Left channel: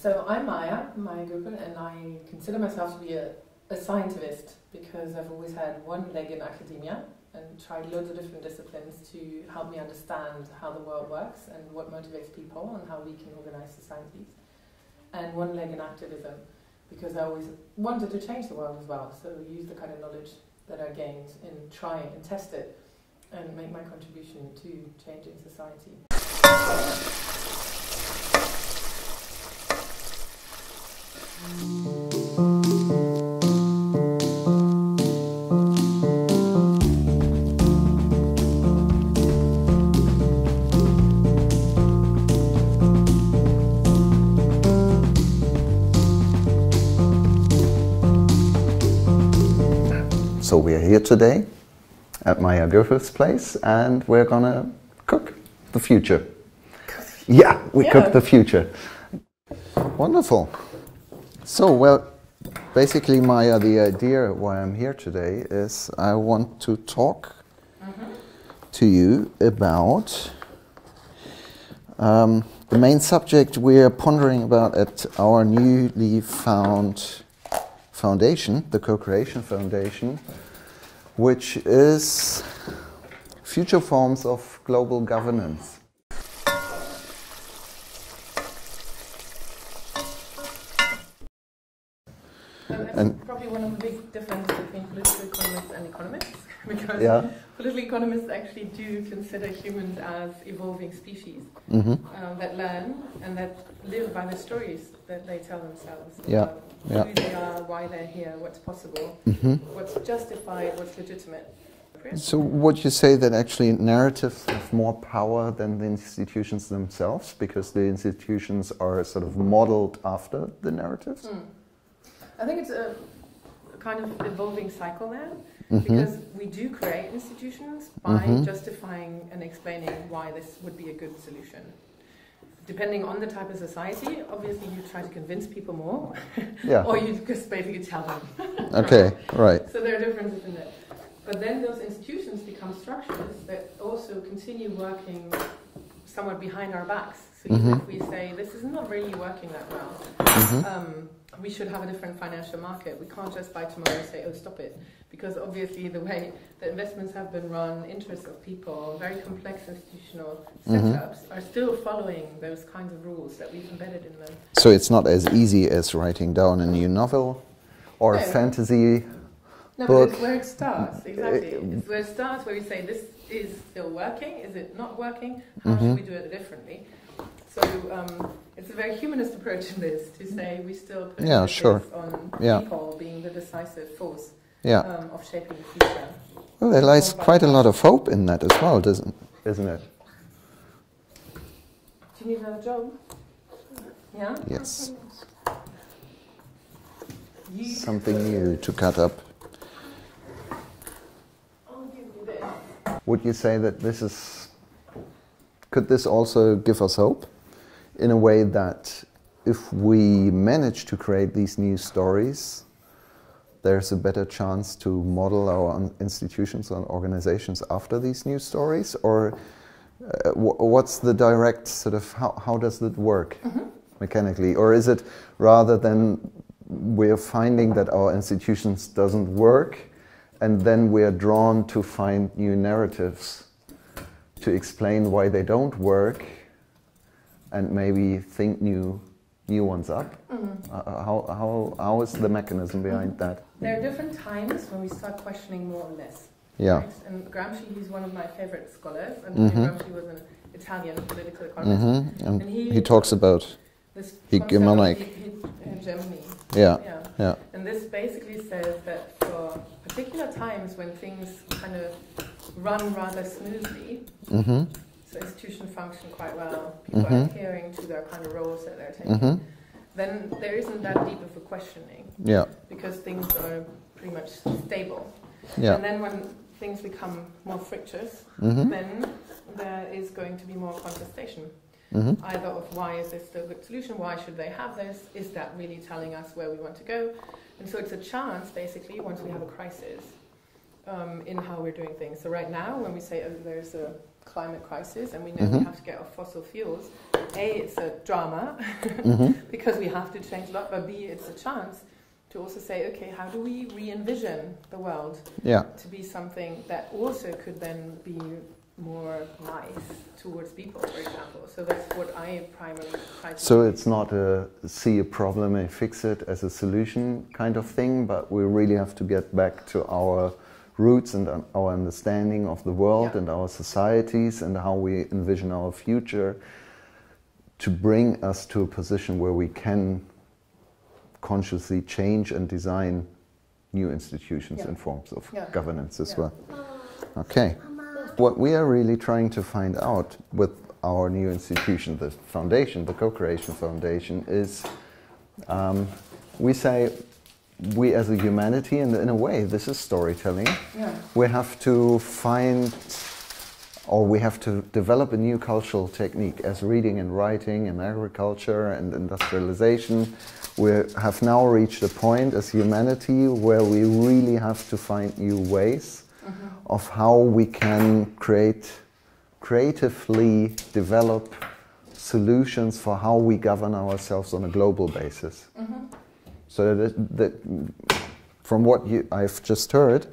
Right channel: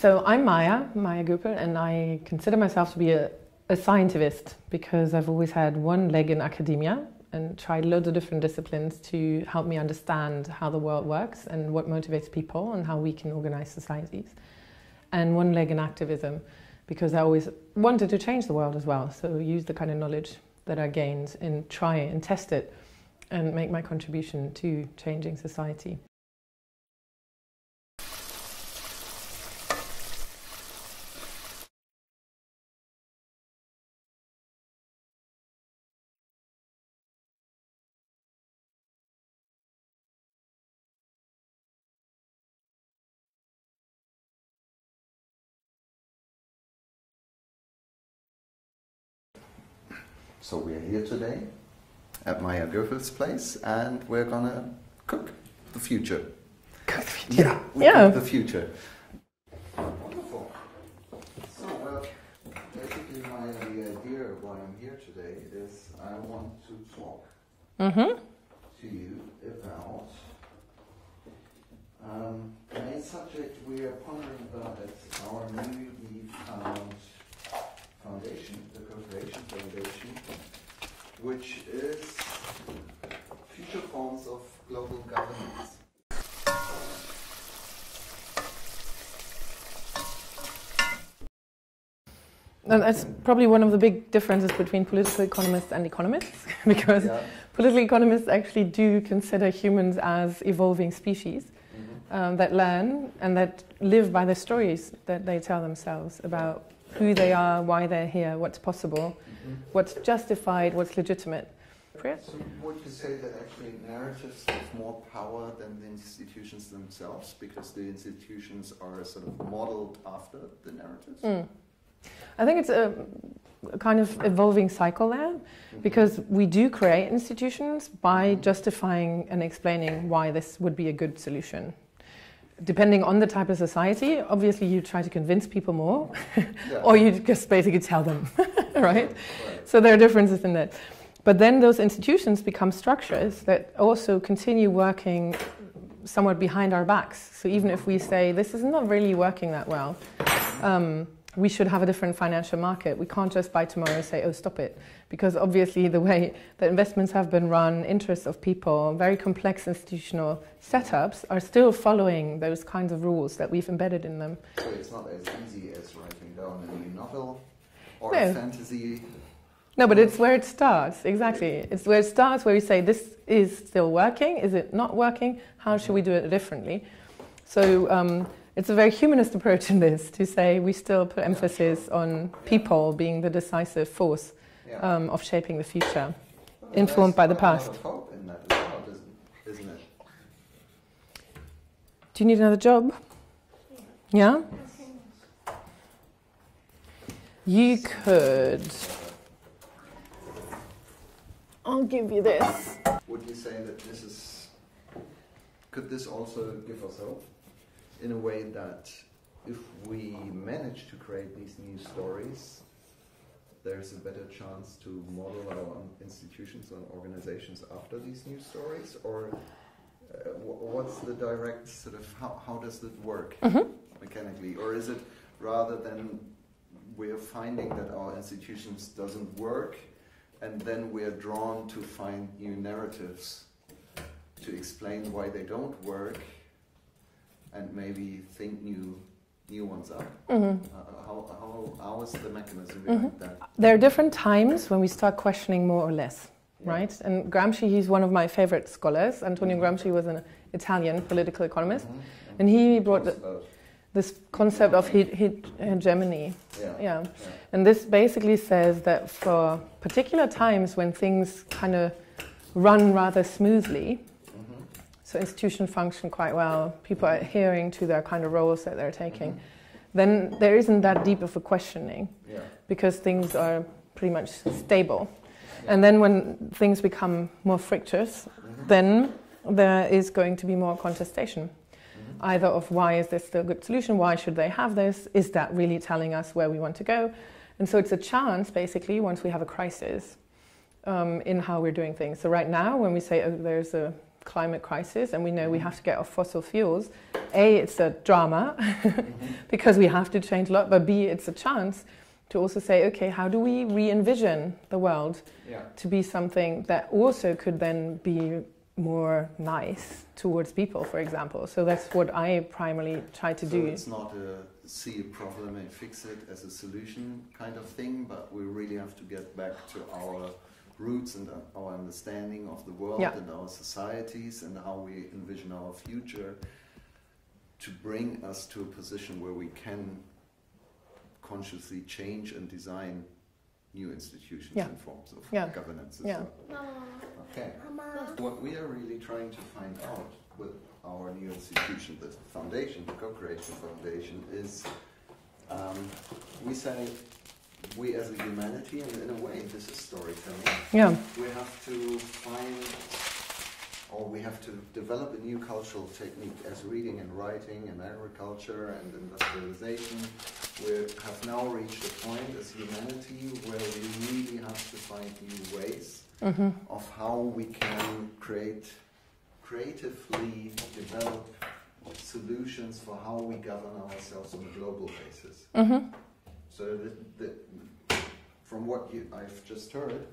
So I'm Maja Göpel, and I consider myself to be a scientivist because I've always had one leg in academia and tried loads of different disciplines to help me understand how the world works and what motivates people and how we can organize societies. And one leg in activism because I always wanted to change the world as well, so use the kind of knowledge that I gained and try it and test it and make my contribution to changing society. So we're here today at Maja Göpel's place, and we're gonna cook the future. Yeah, cook the future. Wonderful. So, well, basically, Maja, the idea why I'm here today is I want to talk to you about the main subject we're pondering about at our newly found foundation, the Co-Creation Foundation, which is future forms of global governance. And that's probably one of the big differences between political economists and economists, because political economists actually do consider humans as evolving species that learn and that live by the stories that they tell themselves about who they are, why they're here, what's possible, what's justified, what's legitimate. So would you say that actually narratives have more power than the institutions themselves, because the institutions are sort of modeled after the narratives? I think it's a kind of evolving cycle there, because we do create institutions by justifying and explaining why this would be a good solution. Depending on the type of society, obviously you try to convince people more, or you just basically tell them. Right. So there are differences in that. But then those institutions become structures that also continue working somewhat behind our backs. So even if we say, this is not really working that well, we should have a different financial market. We can't just by tomorrow and say, oh, stop it. Because obviously the way that investments have been run, interests of people, very complex institutional setups are still following those kinds of rules that we've embedded in them. So it's not as easy as writing down a new novel or a fantasy book. But it's where it starts, exactly. It's where it starts, where you say, this is still working, is it not working, how should we do it differently? So it's a very humanist approach in this, to say we still put emphasis on people being the decisive force of shaping the future. Well, there lies quite a lot of hope in that as well, isn't it? Do you need another job? Yeah? Yes. You Something could. to cut up. I'll give you this. Would you say that this is... Could this also give us hope? In a way that if we manage to create these new stories, there's a better chance to model our institutions and organizations after these new stories? Or what's the direct sort of, how does it work mechanically? Or is it rather than we're finding that our institutions doesn't work, and then we're drawn to find new narratives to explain why they don't work, and maybe think new ones up? How is the mechanism behind that? There are different times when we start questioning more or less, right? And Gramsci, he's one of my favorite scholars. Antonio Gramsci was an Italian political economist. And he talks about this concept of hegemony. And this basically says that for particular times when things kind of run rather smoothly, so institutions function quite well, people are adhering to their kind of roles that they're taking, then there isn't that deep of a questioning, because things are pretty much stable. And then when things become more fractious, then there is going to be more contestation, either of why is this still a good solution, why should they have this, is that really telling us where we want to go? And so it's a chance, basically, once we have a crisis, in how we're doing things. So right now, when we say, oh, there's a climate crisis and we know we have to get off fossil fuels, A, it's a drama, because we have to change a lot, but B, it's a chance to also say, okay, how do we re-envision the world to be something that also could then be more nice towards people, for example. So that's what I primarily try to do. So it's not a see a problem and fix it as a solution kind of thing, but we really have to get back to our roots and our understanding of the world and our societies and how we envision our future to bring us to a position where we can consciously change and design new institutions and forms of governance as well. Okay. What we are really trying to find out with our new institution, the foundation, the Co-Creation Foundation, is we say we as a humanity, and in a way this is storytelling, we have to find, or we have to develop a new cultural technique as reading and writing and agriculture and industrialization. We have now reached a point as humanity where we really have to find new ways of how we can creatively develop solutions for how we govern ourselves on a global basis. So that from what I've just heard,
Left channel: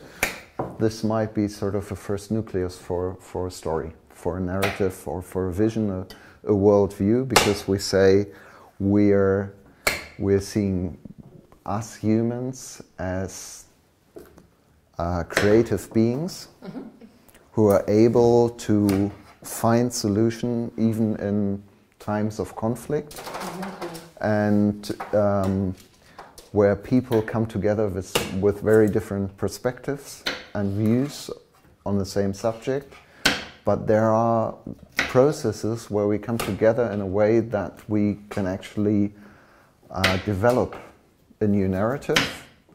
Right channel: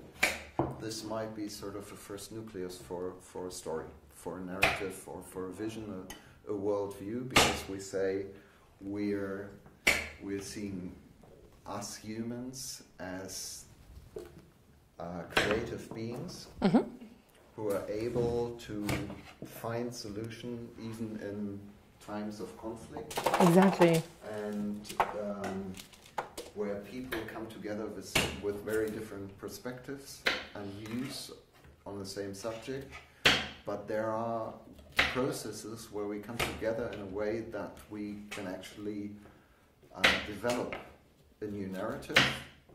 this might be sort of a first nucleus for a story, for a narrative, or for a vision, a worldview, because we say we're seeing us humans as creative beings who are able to find solution even in times of conflict. Exactly. And where people come together with very different perspectives and views on the same subject, but there are processes where we come together in a way that we can actually develop a new narrative,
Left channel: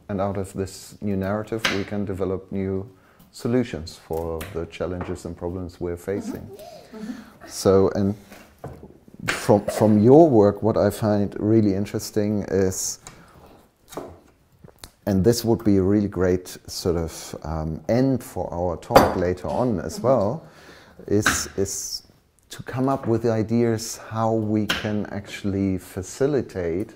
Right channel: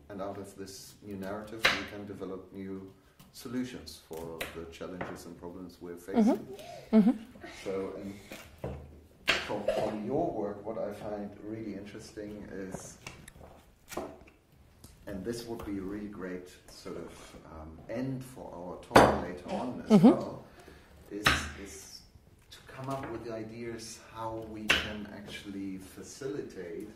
and out of this new narrative we can develop new solutions for the challenges and problems we're facing. So, and from your work, what I find really interesting is, and this would be a really great sort of end for our talk later on as well, is to come up with ideas how we can actually facilitate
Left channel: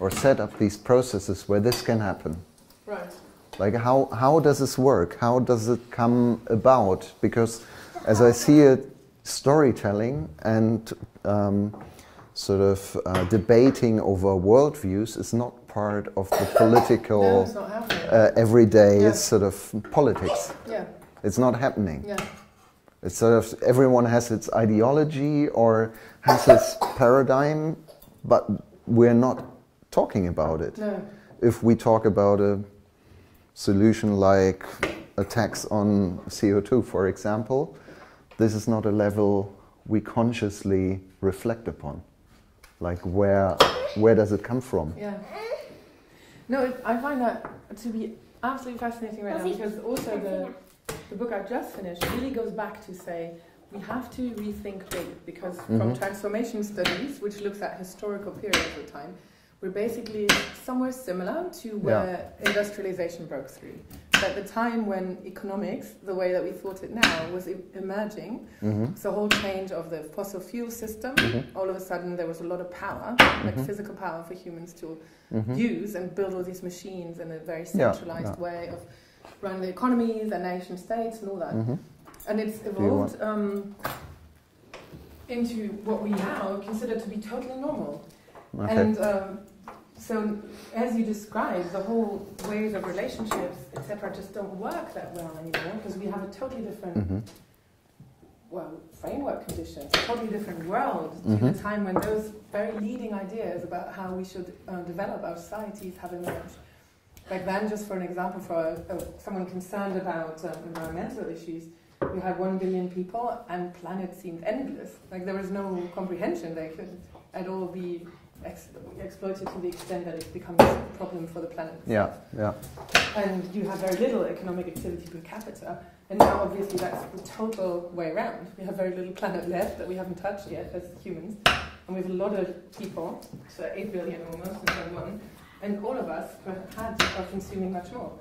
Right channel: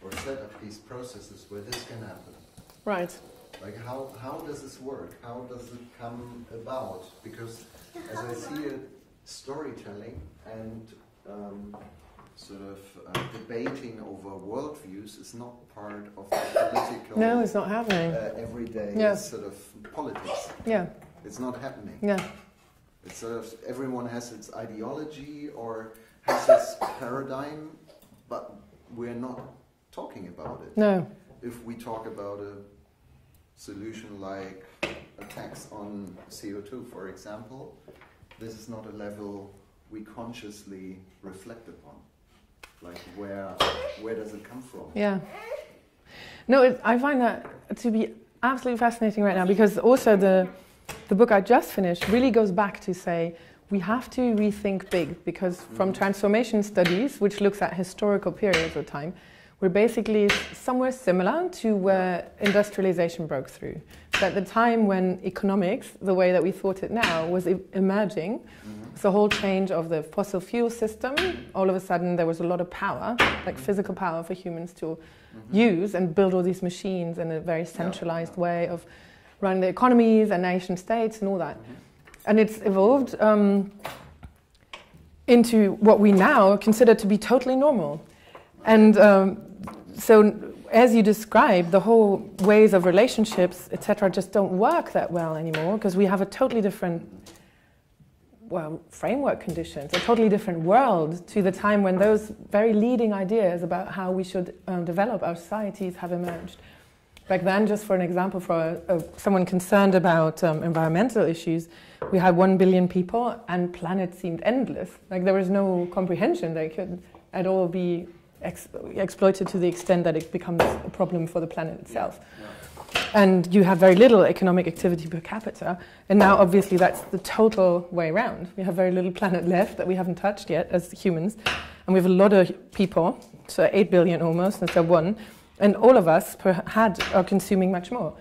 or set up these processes where this can happen. Right. Like how does this work? How does it come about? Because as I see it, storytelling and sort of debating over worldviews is not part of the political no, it's not happening. Everyday sort of politics. It's not happening. It's sort of everyone has its ideology or has its paradigm, but we're not talking about it. No. If we talk about a solution like a tax on CO2, for example, this is not a level we consciously reflect upon. Like where does it come from? No, I find that to be absolutely fascinating right now, because also the book I just finished really goes back to say we have to rethink big, because from transformation studies, which looks at historical periods of time, we're basically somewhere similar to where industrialization broke through. So at the time when economics, the way that we thought it now, was emerging, the whole change of the fossil fuel system, all of a sudden there was a lot of power, like physical power for humans to use and build all these machines in a very centralized way of running the economies and nation states and all that. And it's evolved into what we now consider to be totally normal. And so, as you described, the whole ways of relationships, etc., just don't work that well anymore, because we have a totally different, framework conditions, a totally different world to the time when those very leading ideas about how we should develop our societies have emerged. Back then, just for an example, for someone concerned about environmental issues, we had 1 billion people, and planet seemed endless. Like there was no comprehension they could at all be exploited to the extent that it becomes a problem for the planet itself. And you have very little economic activity per capita, and now obviously that's the total way around. We have very little planet left that we haven't touched yet as humans, and we have a lot of people, so 8 billion almost, instead of 1, And all of us are consuming much more.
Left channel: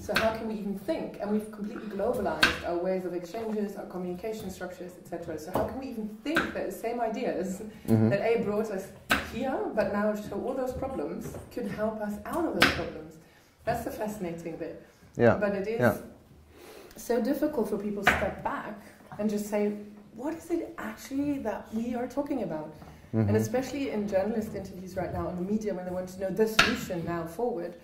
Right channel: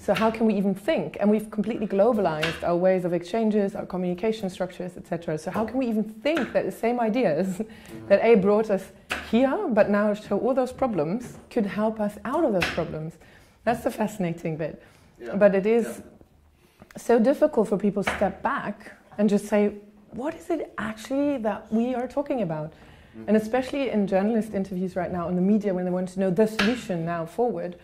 So how can we even think? And we've completely globalized our ways of exchanges, our communication structures, etc. So how can we even think that the same ideas that A brought us here, but now show all those problems, could help us out of those problems? That's the fascinating bit. Yeah. But it is so difficult for people to step back and just say, what is it actually that we are talking about? And especially in journalist interviews right now, in the media, when they want to know the solution now forward,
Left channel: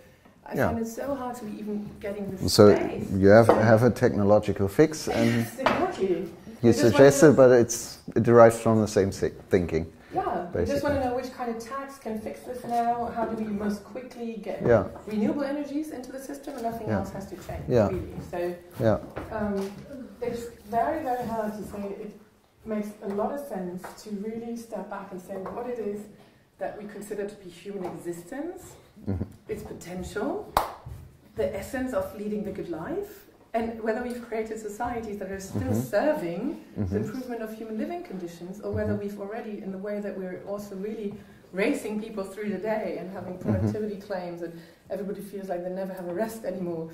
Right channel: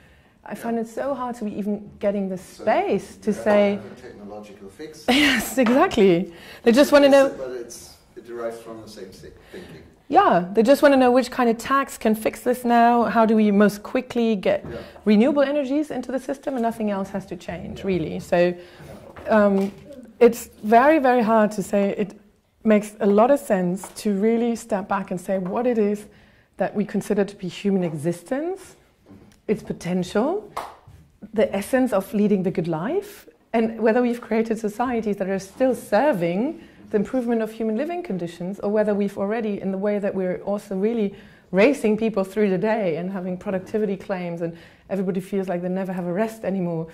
I find it so hard to be even getting the space you to have a technological fix. Yes, exactly. They just want to know, but it derives from the same thinking. Yeah, they just want to know which kind of tax can fix this now. How do we most quickly get renewable energies into the system, and nothing else has to change, really. So it's very, very hard to say. It makes a lot of sense to really step back and say what it is that we consider to be human existence, its potential, the essence of leading the good life, and whether we've created societies that are still serving the improvement of human living conditions, or whether we've already, in the way that we're also really racing people through the day and having productivity claims, and everybody feels like they never have a rest anymore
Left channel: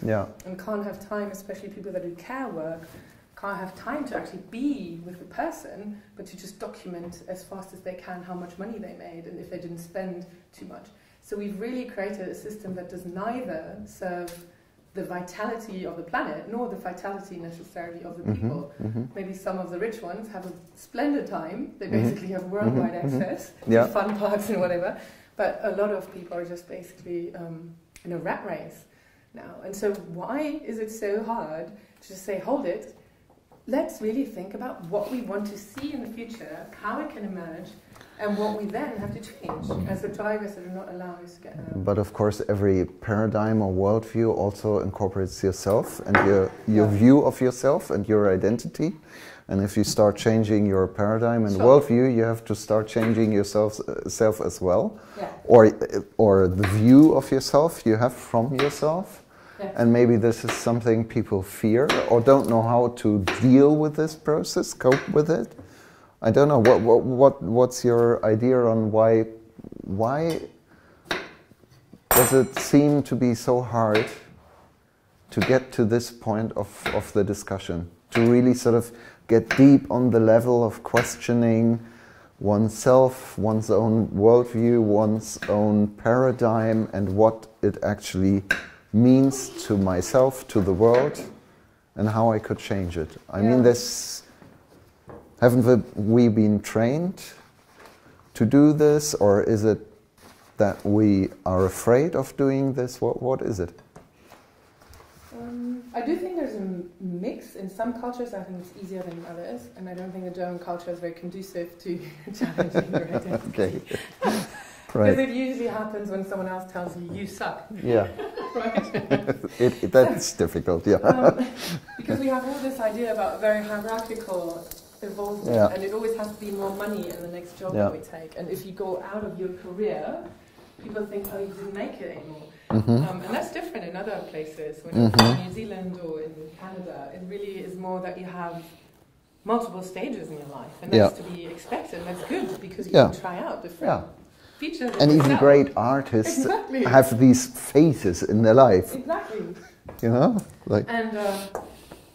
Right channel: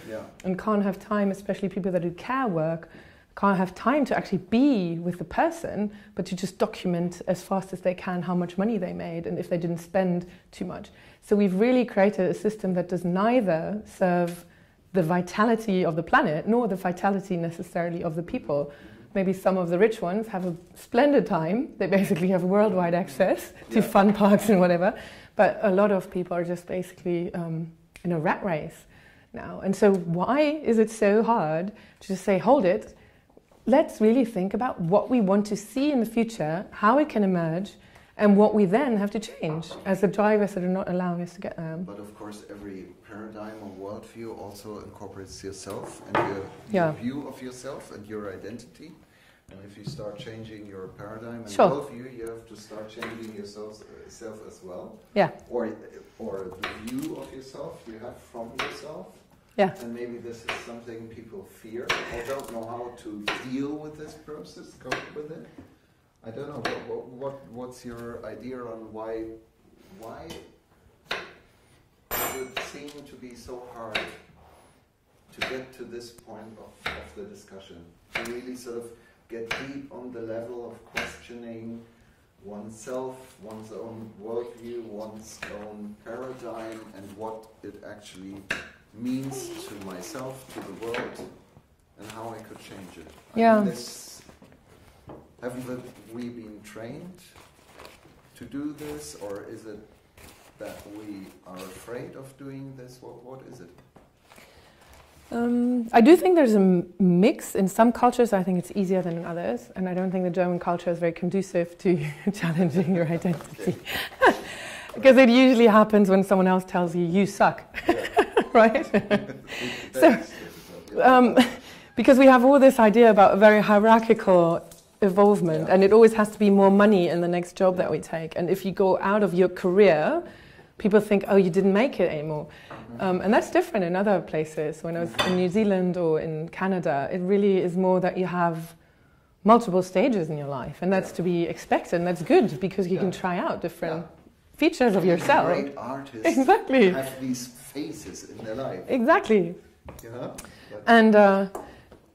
and can't have time, especially people that do care work, can't have time to actually be with the person, but to just document as fast as they can how much money they made and if they didn't spend too much. So we've really created a system that does neither serve the vitality of the planet nor the vitality necessarily of the people. Maybe some of the rich ones have a splendid time. They basically have worldwide access to fun parks and whatever. But a lot of people are just basically in a rat race now. And so why is it so hard to just say, hold it, let's really think about what we want to see in the future, how it can emerge, and what we then have to change as the drivers that are not allowing us to get there. But of course, every paradigm or worldview also incorporates yourself and your view of yourself and your identity. And if you start changing your paradigm and worldview, you have to start changing yourself as well. Yeah. Or the view of yourself you have from yourself. Yeah. And maybe this is something people fear or don't know how to deal with this process, cope with it. I don't know. What's your idea on why does it seem to be so hard to get to this point of the discussion, to really sort of get deep on the level of questioning oneself, one's own worldview, one's own paradigm, and what it actually means to myself, to the world, and how I could change it. I mean, haven't we been trained to do this, or is it that we are afraid of doing this? What is it? I do think there's a mix. In some cultures, I think it's easier than in others, and I don't think the German culture is very conducive to challenging your identity. Because it usually happens when someone else tells you, you suck. Yeah. Right? That's difficult, because we have all this idea about a very hierarchical evolvement, and it always has to be more money in the next job that we take. And if you go out of your career, people think, oh, you didn't make it anymore. And that's different in other places. When I was in New Zealand or in Canada, it really is more that you have multiple stages in your life, and that's to be expected, and that's good because you can try out different features of yourself. And even great artists have these phases in their life. Exactly. You know? And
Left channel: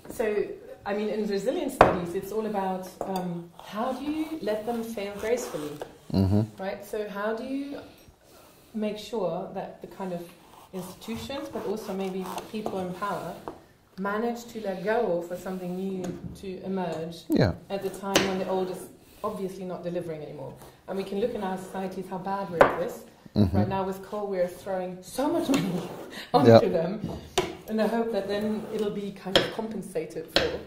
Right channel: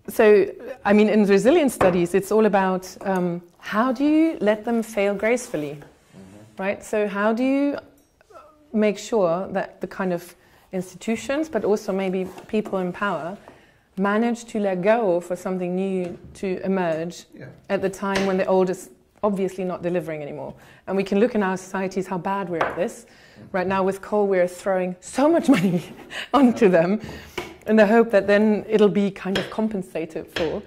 so, I mean, in resilience studies, it's all about how do you let them fail gracefully, right? So how do you make sure that the kind of institutions, but also maybe people in power, manage to let go for something new to emerge at the time when the old is obviously not delivering anymore. And we can look in our societies how bad we're at this. Right now with coal, we're throwing so much money onto them in the hope that then it'll be kind of compensated for.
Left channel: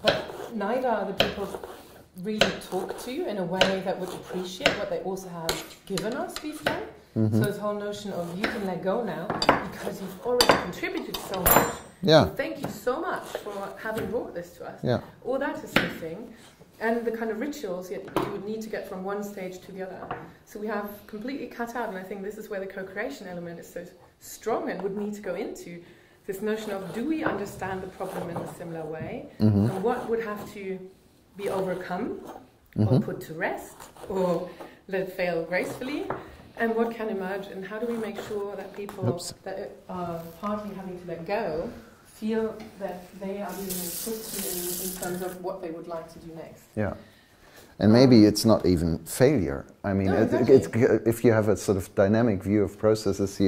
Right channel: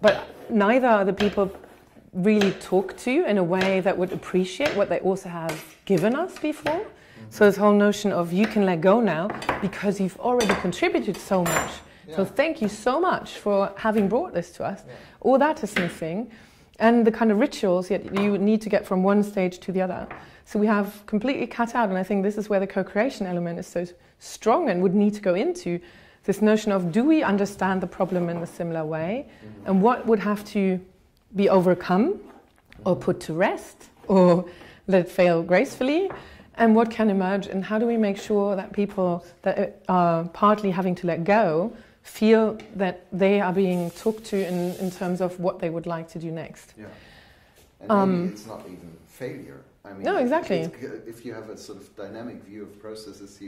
But neither are the people really talked to in a way that would appreciate what they also have given us before. So this whole notion of you can let go now because you've already contributed so much. So thank you so much for having brought this to us. All that is missing. And the kind of rituals that you would need to get from one stage to the other. So we have completely cut out, and I think this is where the co-creation element is so strong and would need to go into this notion of, do we understand the problem in a similar way? And what would have to be overcome or put to rest or let it fail gracefully? And what can emerge, and how do we make sure that people that are partly having to let go feel that they are being talked to in terms of what they would like to do next? Yeah. And maybe it's not even failure. I mean, no, exactly. if you have a sort of dynamic view of processes,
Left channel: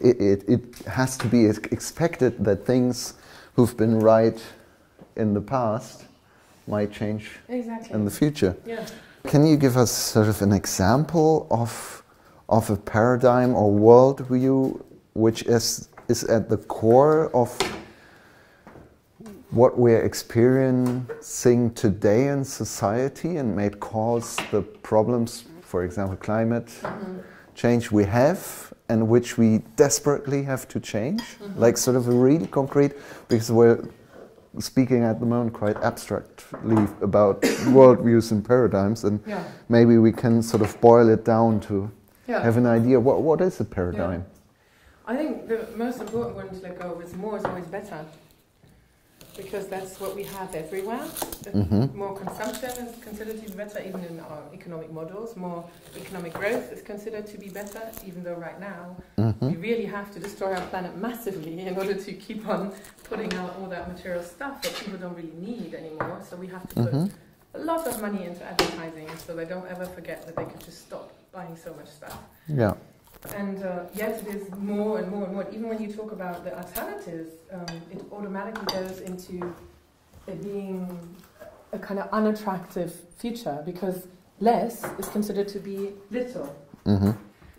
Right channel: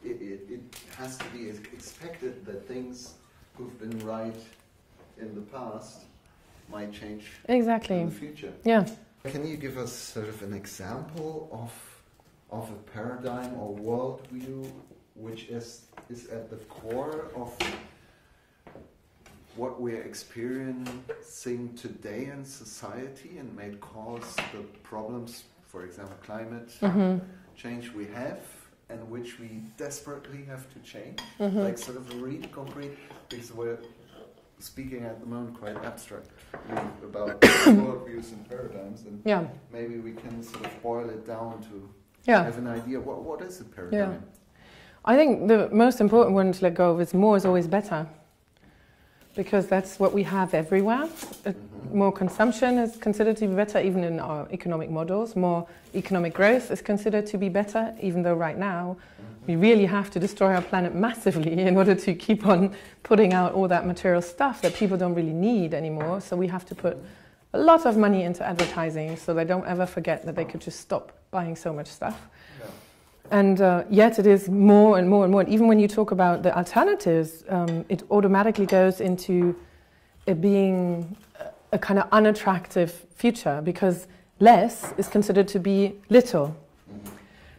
it has to be expected that things who've been right in the past might change in the future. Yeah. Can you give us sort of an example of a paradigm or worldview which is at the core of what we're experiencing today in society and may cause the problems, for example, climate change we have and which we desperately have to change? Like sort of a really concrete, because we're speaking at the moment quite abstractly about worldviews and paradigms, and maybe we can sort of boil it down to have an idea what is a paradigm? Yeah. I think the most important one to let go of is more is always better, because that's what we have everywhere. More consumption is considered to be better, even in our economic models. More economic growth is considered to be better, even though right now we really have to destroy our planet massively in order to keep on putting out all that material stuff that people don't really need anymore. So we have to put a lot of money into advertising so they don't ever forget that they could just stop buying so much stuff. Yeah. And yet it is more and more and more. Even when you talk about the alternatives, it automatically goes into it being a kind of unattractive future, because less is considered to be little.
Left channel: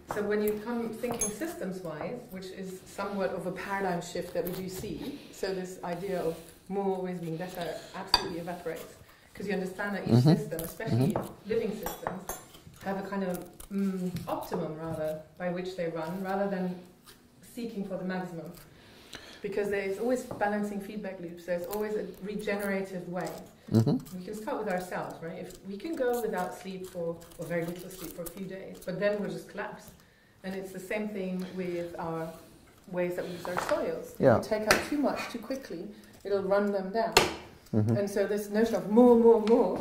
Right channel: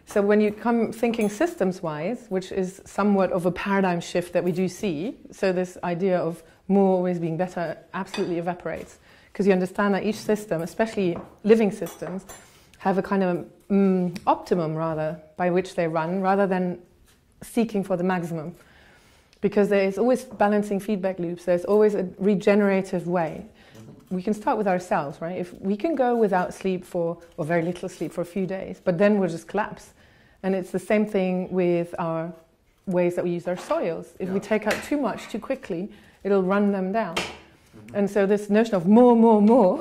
So when you come thinking systems-wise, which is somewhat of a paradigm shift that we do see, so this idea of more always being better absolutely evaporates, because you understand that each system, especially living systems, have a kind of optimum rather by which they run, rather than seeking for the maximum, because there is always balancing feedback loops. There's always a regenerative way. We can start with ourselves, right? If we can go without sleep or very little sleep for a few days, but then we'll just collapse. And it's the same thing with our ways that we use our soils. If we take out too much too quickly, it'll run them down. And so this notion of more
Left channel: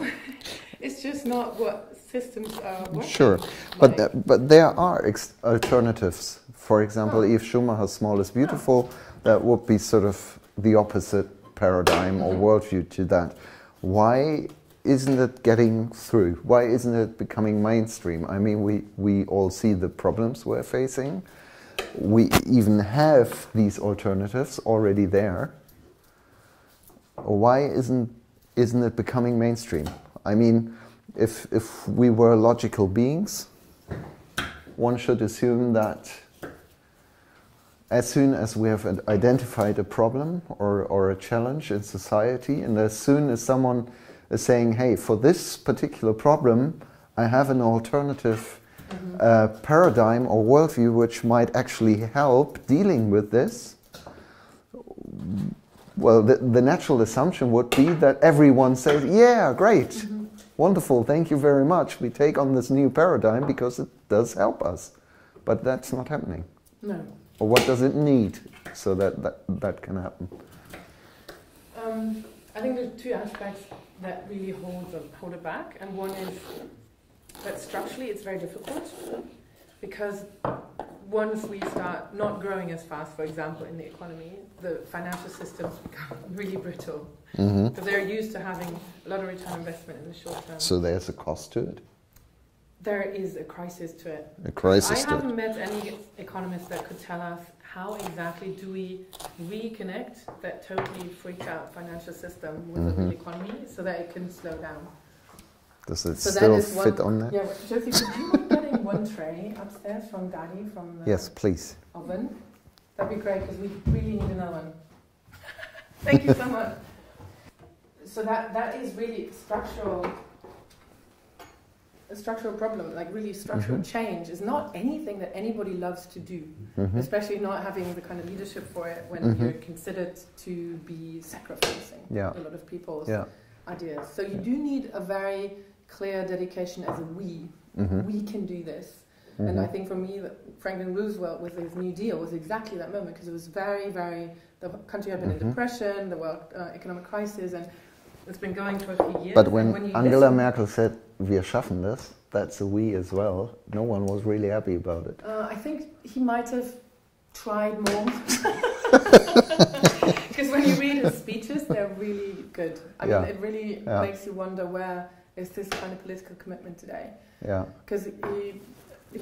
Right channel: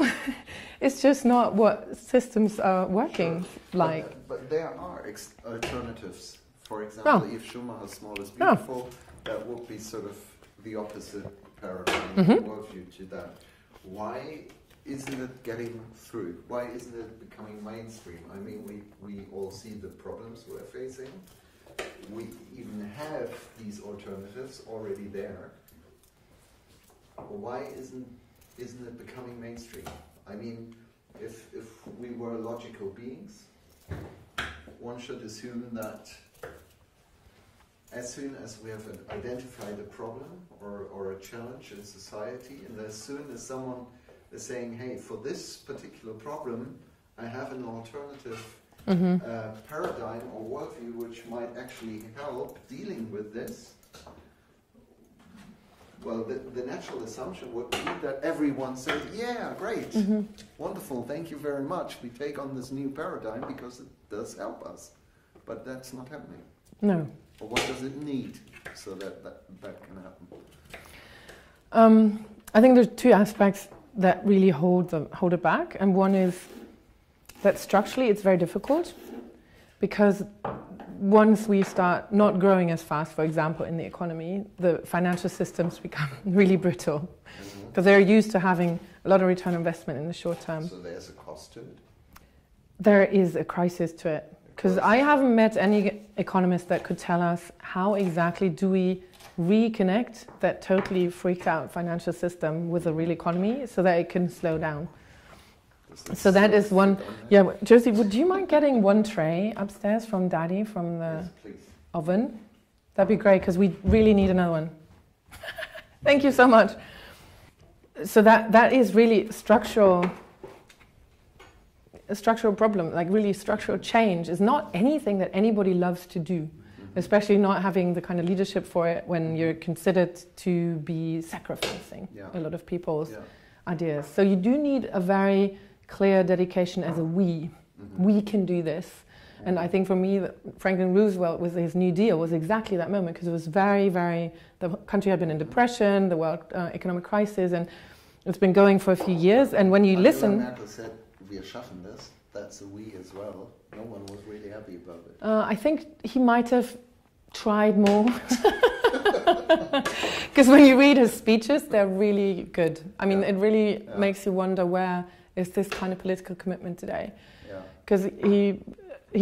it's just not what systems are working. Sure, like. but there are alternatives. For example, if Schumacher's small is beautiful, that would be sort of the opposite paradigm or worldview to that. Why isn't it getting through? Why isn't it becoming mainstream? I mean, we all see the problems we're facing. We even have these alternatives already there. Why isn't it becoming mainstream? I mean, if we were logical beings, one should assume that as soon as we have identified a problem or a challenge in society, and as soon as someone is saying, hey, for this particular problem, I have an alternative paradigm or worldview which might actually help dealing with this, well, the natural assumption would be that everyone says, yeah, great, wonderful, thank you very much. We take on this new paradigm because it does help us. But that's not happening. No. Or what does it need so that can happen? I think there's two aspects that really hold it back. And one is that structurally it's very difficult, because once we start not growing as fast, for example, in the economy, the financial systems become really brittle. Because they're used to having a lot of return on investment in the short term. So there's a cost to it? There is a crisis to it. I haven't met any economist that could tell us how exactly do we reconnect that totally freaked out financial system with the real economy so that it can slow down. Does it so still that is fit one, on that? Yeah, Josie, would you mind getting one tray upstairs from Daddy from the yes, please. oven? That'd be great, because we really need another one. Thank you so much. So that is really a structural problem, like really structural change is not anything that anybody loves to do, especially not having the kind of leadership for it when you're considered to be sacrificing a lot of people's ideas. So you do need a very clear dedication as a we. We can do this. And I think for me, Franklin Roosevelt with his New Deal was exactly that moment, because it was very, very, the country had been in depression, the world economic crisis, and it's been going for a few years. But when and when you Angela listen... Merkel said, wir schaffen das, that's a we as well. No one was really happy about it. I think he might have tried more. Because when you read his speeches, they're really good. I mean, it really makes you wonder, where is this kind of political commitment today? Yeah. Because he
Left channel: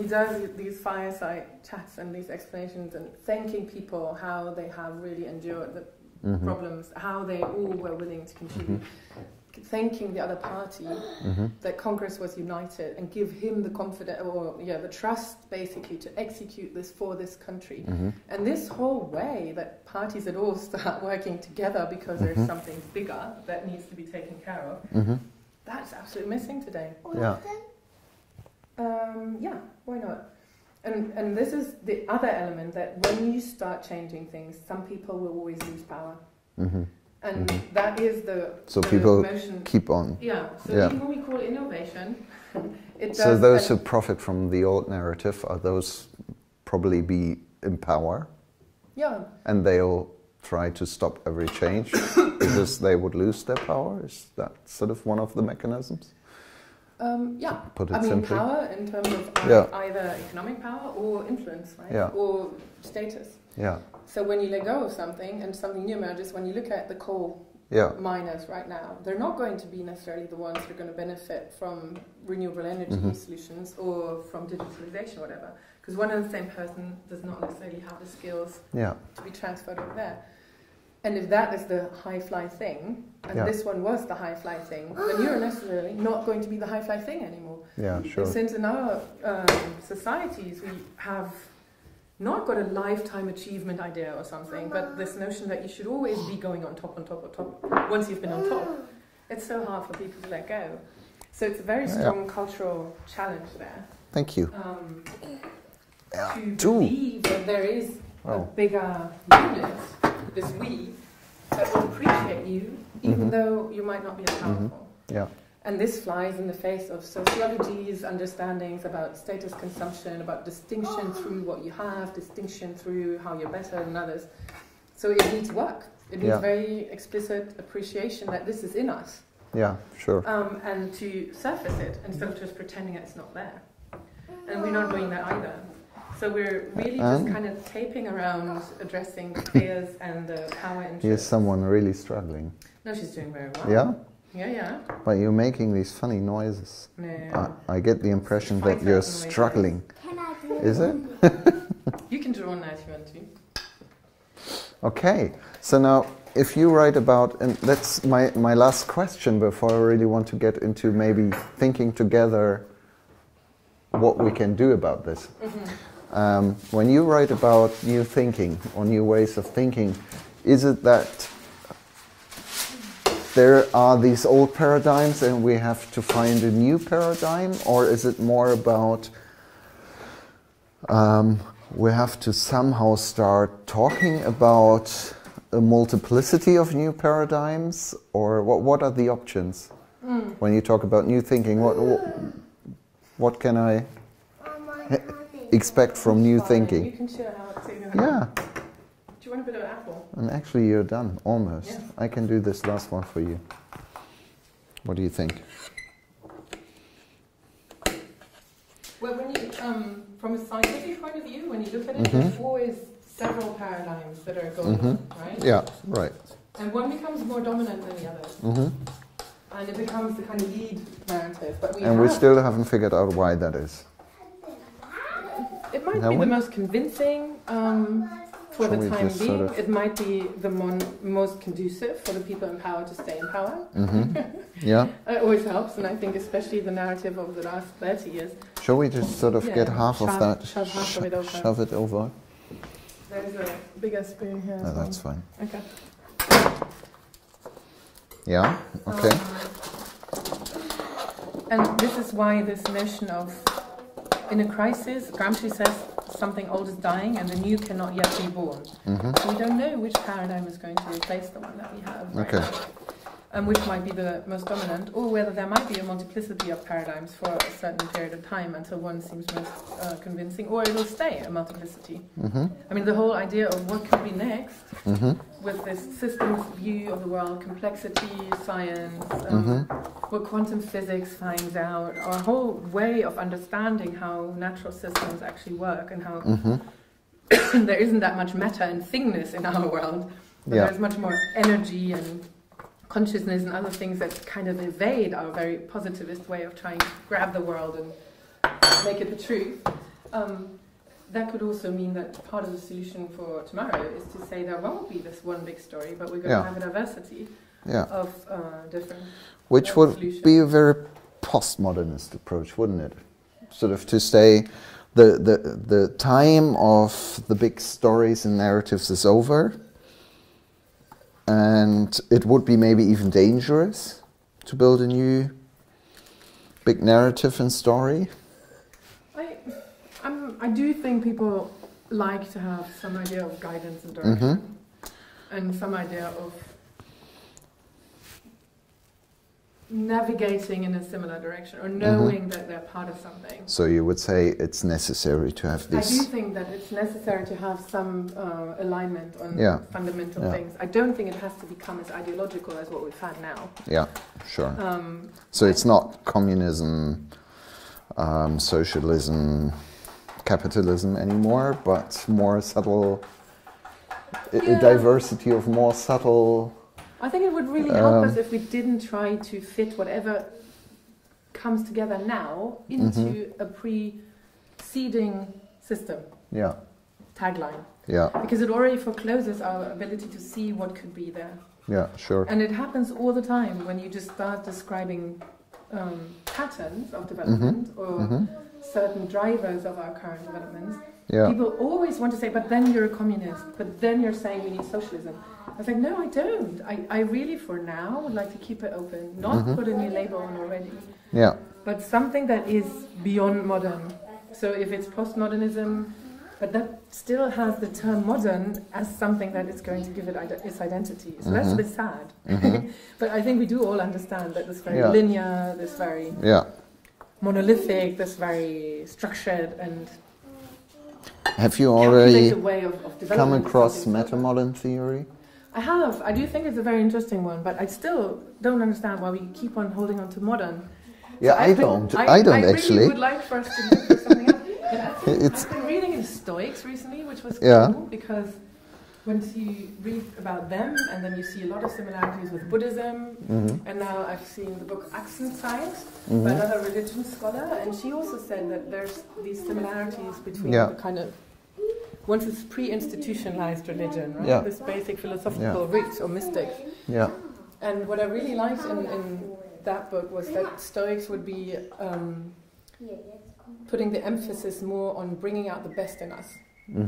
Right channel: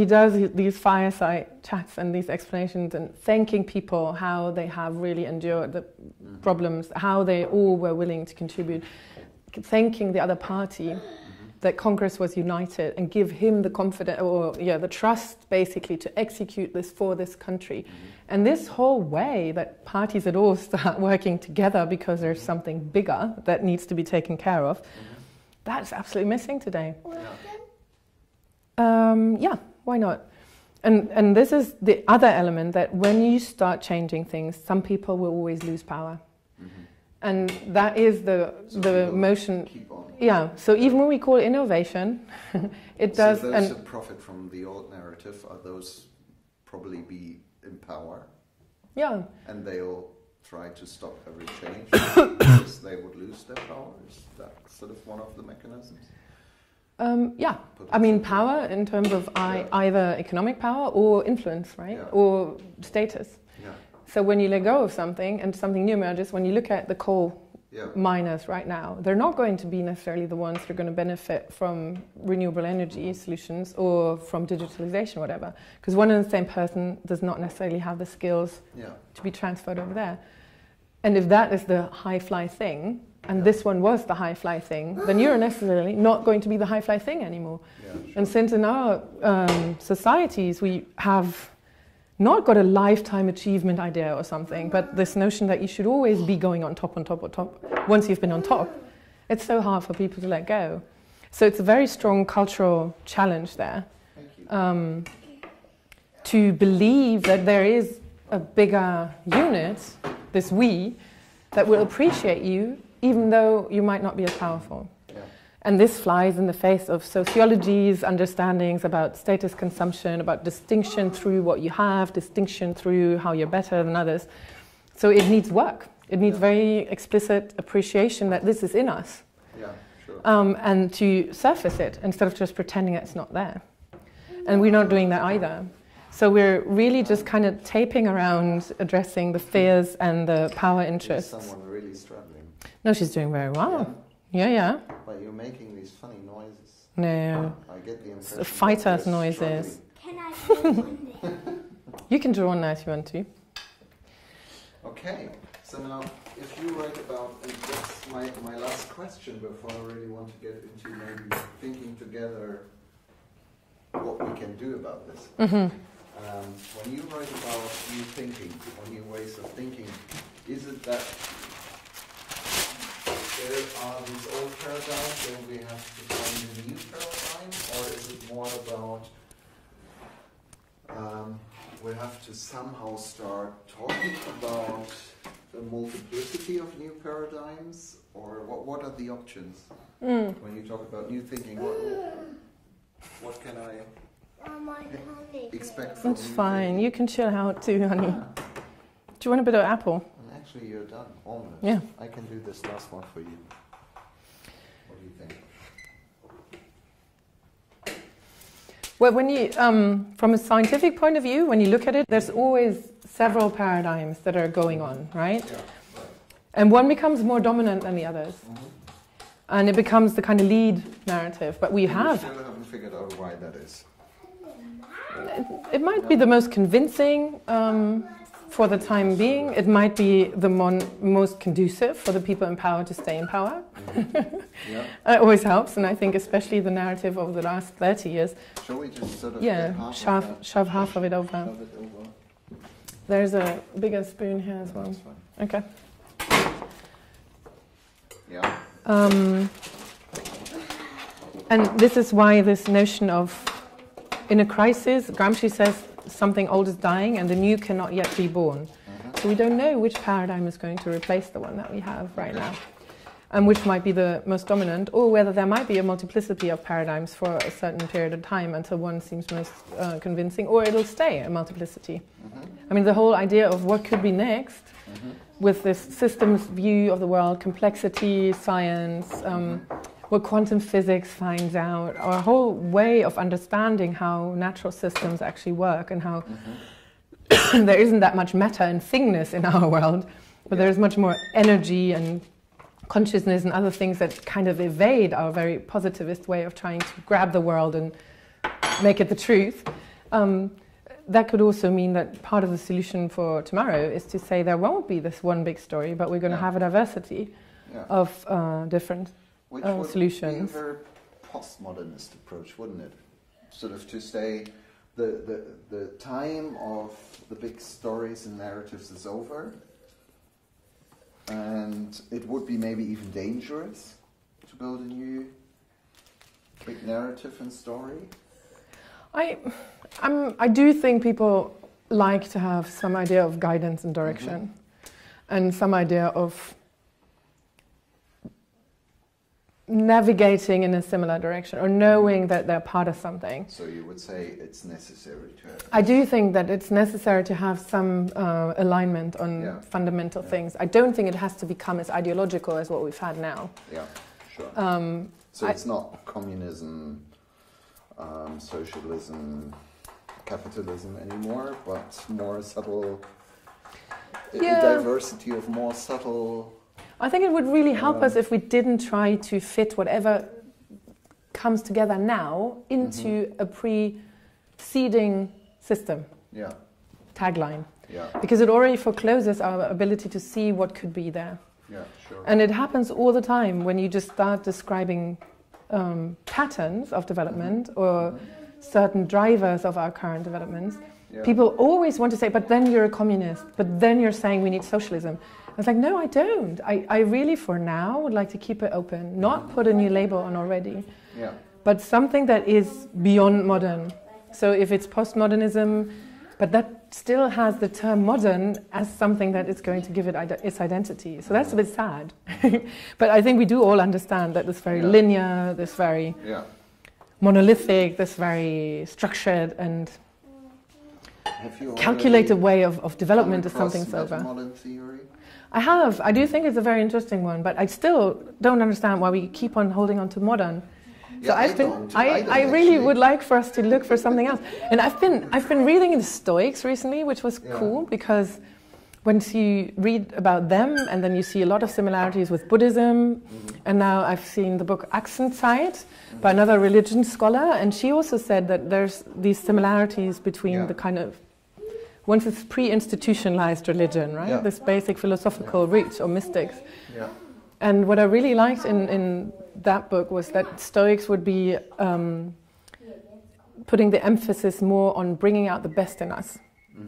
does these fireside chats and these explanations and thanking people how they have really endured the problems, how they all were willing to contribute. Thanking the other party that Congress was united and give him the confidence or the trust basically to execute this for this country. And this whole way that parties at all start working together because there's something bigger that needs to be taken care of, that's absolutely missing today. Yeah, why not? And this is the other element, that when you start changing things, some people will always lose power. And that is the motion. Keep on. Yeah. So even when we call it innovation, it does. So those who profit from the old narrative are those probably be in power. Yeah. And they'll try to stop every change because they would lose their power. Is that sort of one of the mechanisms? Yeah. I mean, power in terms of either economic power or influence, right? Yeah. Or status. Yeah. So when you let go of something and something new emerges, when you look at the coal miners right now, they're not going to be necessarily the ones that are going to benefit from renewable energy solutions or from digitalization or whatever. Because one and the same person does not necessarily have the skills to be transferred over there. And if that is the high-fly thing, and this one was the high-fly thing, then you're necessarily not going to be the high-fly thing anymore. Yeah, sure. And since in our societies we have not got a lifetime achievement idea or something, but this notion that you should always be going on top, once you've been on top, it's so hard for people to let go. So it's a very strong cultural challenge there. Thank you. To believe that there is a bigger unit, this we, that will appreciate you, even though you might not be as powerful. Yeah. And this flies in the face of sociology's understandings about status consumption, about distinction through what you have, distinction through how you're better than others. So it needs work. It needs very explicit appreciation that this is in us. Yeah, sure. And to surface it instead of just pretending it's not there. And we're not doing that either. So we're really just kind of taping around addressing the fears and the power interests. Here's someone really struggling. No, she's doing very well. Yeah? Yeah. But you're making these funny noises. Yeah. I get the impression that you're struggling. Can I Is it? You can draw on that if you want to. Okay. So now, if you write about, and that's my last question before I really want to get into maybe thinking together what we can do about this. When you write about new thinking or new ways of thinking, is it that there are these old paradigms and we have to find a new paradigm, or is it more about we have to somehow start talking about a multiplicity of new paradigms, or what are the options when you talk about new thinking? What can I expect from new thinking? You can chill out too, honey. Yeah. Do you want a bit of apple? And actually you're done, almost. Yeah. I can do this last one for you. What do you think? Well, when you, from a scientific point of view, when you look at it, there's always several paradigms that are going on, right? Yeah, right. And one becomes more dominant than the others. And it becomes the kind of lead narrative. But we still haven't figured out why that is. It might be the most convincing for the time being. It might be the most conducive for the people in power to stay in power. Yeah. It always helps, and I think especially the narrative over the last 30 years. Shall we just sort of get half of that? Shove half of it over. Shove it over. There's a bigger spoon here as well. That's fine. Okay. Yeah, okay. And this is why this notion of, in a crisis, Gramsci says something old is dying and the new cannot yet be born. So we don't know which paradigm is going to replace the one that we have right now, and which might be the most dominant, or whether there might be a multiplicity of paradigms for a certain period of time until one seems most convincing, or it'll stay a multiplicity. I mean, the whole idea of what could be next, with this systems view of the world, complexity, science, what quantum physics finds out, our whole way of understanding how natural systems actually work, and how there isn't that much matter and thingness in our world, but there's much more energy and consciousness and other things that kind of evade our very positivist way of trying to grab the world and make it the truth. That could also mean that part of the solution for tomorrow is to say there won't be this one big story, but we're going to have a diversity of different Which would solutions. be a very postmodernist approach, wouldn't it? Sort of to say the time of the big stories and narratives is over, and it would be maybe even dangerous to build a new big narrative and story. I do think people like to have some idea of guidance and direction, and some idea of navigating in a similar direction, or knowing that they're part of something. So you would say it's necessary to have this? I do think that it's necessary to have some alignment on fundamental things. I don't think it has to become as ideological as what we've had now. Yeah, sure. So it's not communism, socialism, capitalism anymore, but more subtle, a diversity of more subtle... I think it would really help us if we didn't try to fit whatever comes together now into a preceding system. Yeah. Tagline. Yeah. Because it already forecloses our ability to see what could be there. Yeah, sure. And it happens all the time when you just start describing patterns of development or certain drivers of our current developments. Yeah. People always want to say, but then you're a communist, but then you're saying we need socialism. I was like, no, I don't. I really, for now, would like to keep it open, not put a new label on already, but something that is beyond modern. So if it's postmodernism, but that still has the term modern as something that is going to give it its identity. So that's a bit sad. But I think we do all understand that this very linear, this very monolithic, this very structured and calculated way of development is something come across meta-modern theory? I have. I do think it's a very interesting one, but I still don't understand why we keep on holding on to modern. Yeah, I don't actually. Really would like for us to look for something else. And I've been reading the Stoics recently, which was cool, because once you read about them, and then you see a lot of similarities with Buddhism, and now I've seen the book Achsenzeit by another religion scholar, and she also said that there's these similarities between the kind of, once it's pre-institutionalized religion, right? Yeah. This basic philosophical roots or mystics. Yeah. And what I really liked in that book was that Stoics would be putting the emphasis more on bringing out the best in us.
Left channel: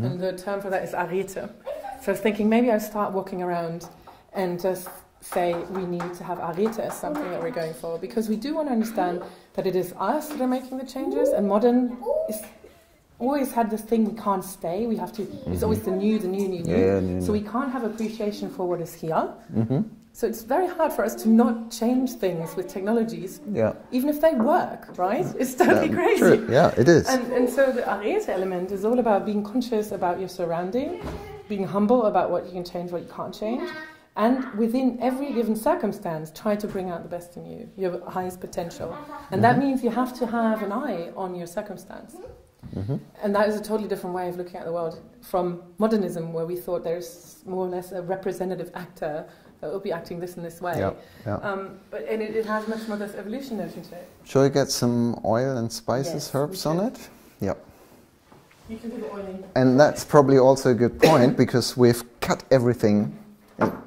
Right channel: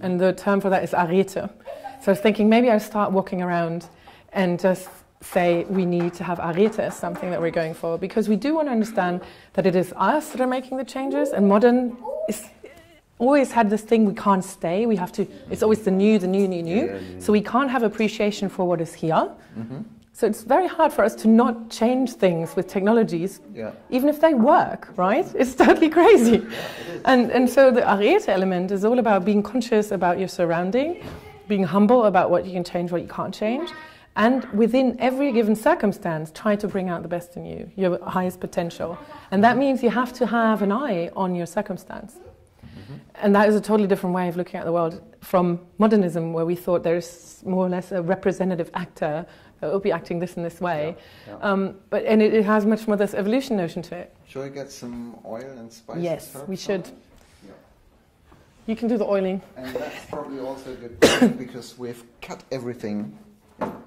And the term for that is arete. So I was thinking maybe I'll start walking around and just say we need to have arete as something that we're going for, because we do want to understand that it is us that are making the changes, and modern is always had this thing, we can't stay, we have to, it's always the new. So we can't have appreciation for what is here. So it's very hard for us to not change things with technologies, even if they work, right? It's totally crazy. True. Yeah, it is. And so the arete element is all about being conscious about your surrounding, being humble about what you can change, what you can't change, and within every given circumstance, try to bring out the best in you, your highest potential. And that means you have to have an eye on your circumstance. And that is a totally different way of looking at the world from modernism, where we thought there's more or less a representative actor that will be acting this in this way. But it has much more this evolution notion to it. Shall we get some oil and spices, herbs on it? Yep. You can do the oiling. And that's probably also a good point, because we've cut everything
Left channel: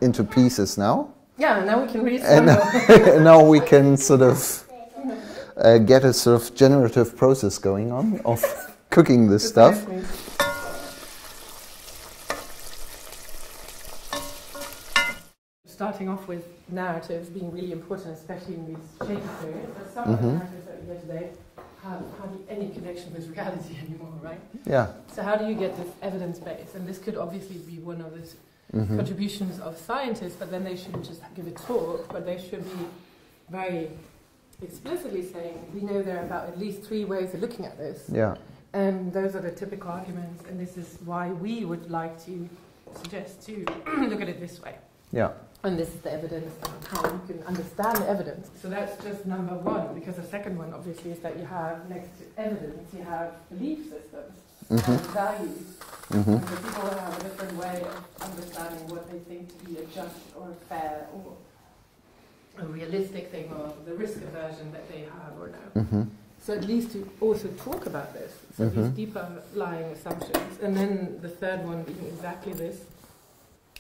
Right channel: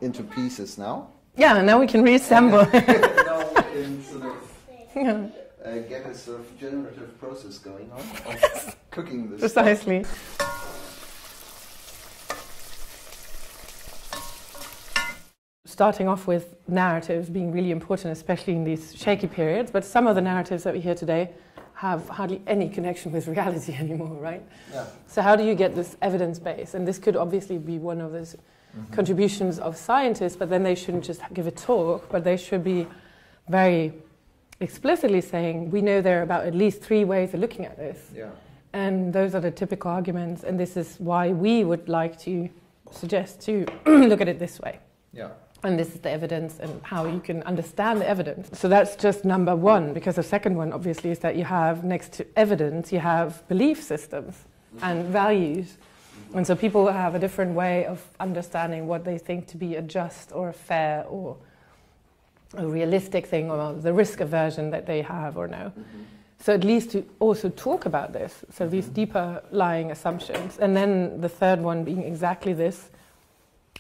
into pieces now. Yeah, now we can reassemble. And now we can sort of get a sort of generative process going on of cooking this stuff. Starting off with narratives being really important, especially in these shaky periods, but some of the narratives that we hear today have hardly any connection with reality anymore, right? Yeah. So how do you get this evidence base? And this could obviously be one of those contributions of scientists, but then they shouldn't just give a talk, but they should be very explicitly saying, we know there are about at least 3 ways of looking at this. Yeah. And those are the typical arguments, and this is why we would like to suggest to look at it this way. Yeah. And this is the evidence and how you can understand the evidence. So that's just number one, because the second one, obviously, is that you have, next to evidence, you have belief systems and values. And so people have a different way of understanding what they think to be a just or a fair or a realistic thing, or the risk aversion that they have or no. So at least to also talk about this, so these deeper lying assumptions. And then the third one being exactly this,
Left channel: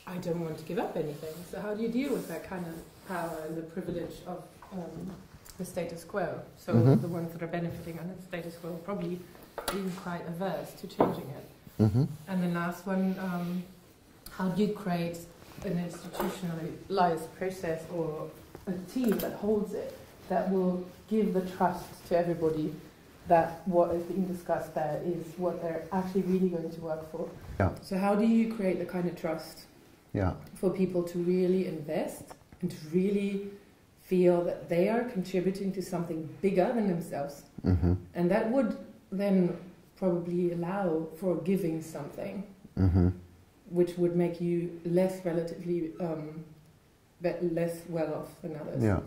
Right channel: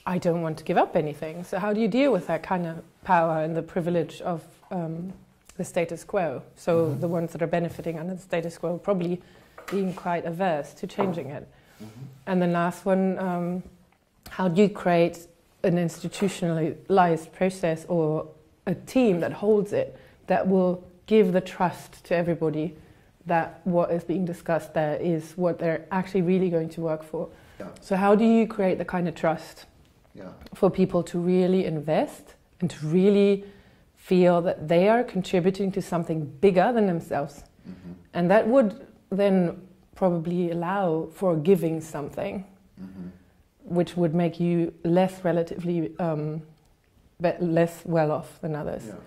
I don't want to give up anything. So how do you deal with that kind of power and the privilege of the status quo? So the ones that are benefiting under the status quo probably being quite averse to changing it. And the last one, how do you create an institutionalized process or a team that holds it, that will give the trust to everybody that what is being discussed there is what they're actually really going to work for? Yeah. So how do you create the kind of trust for people to really invest and to really feel that they are contributing to something bigger than themselves? And that would then probably allow for giving something, which would make you less relatively less well off than others. Yeah.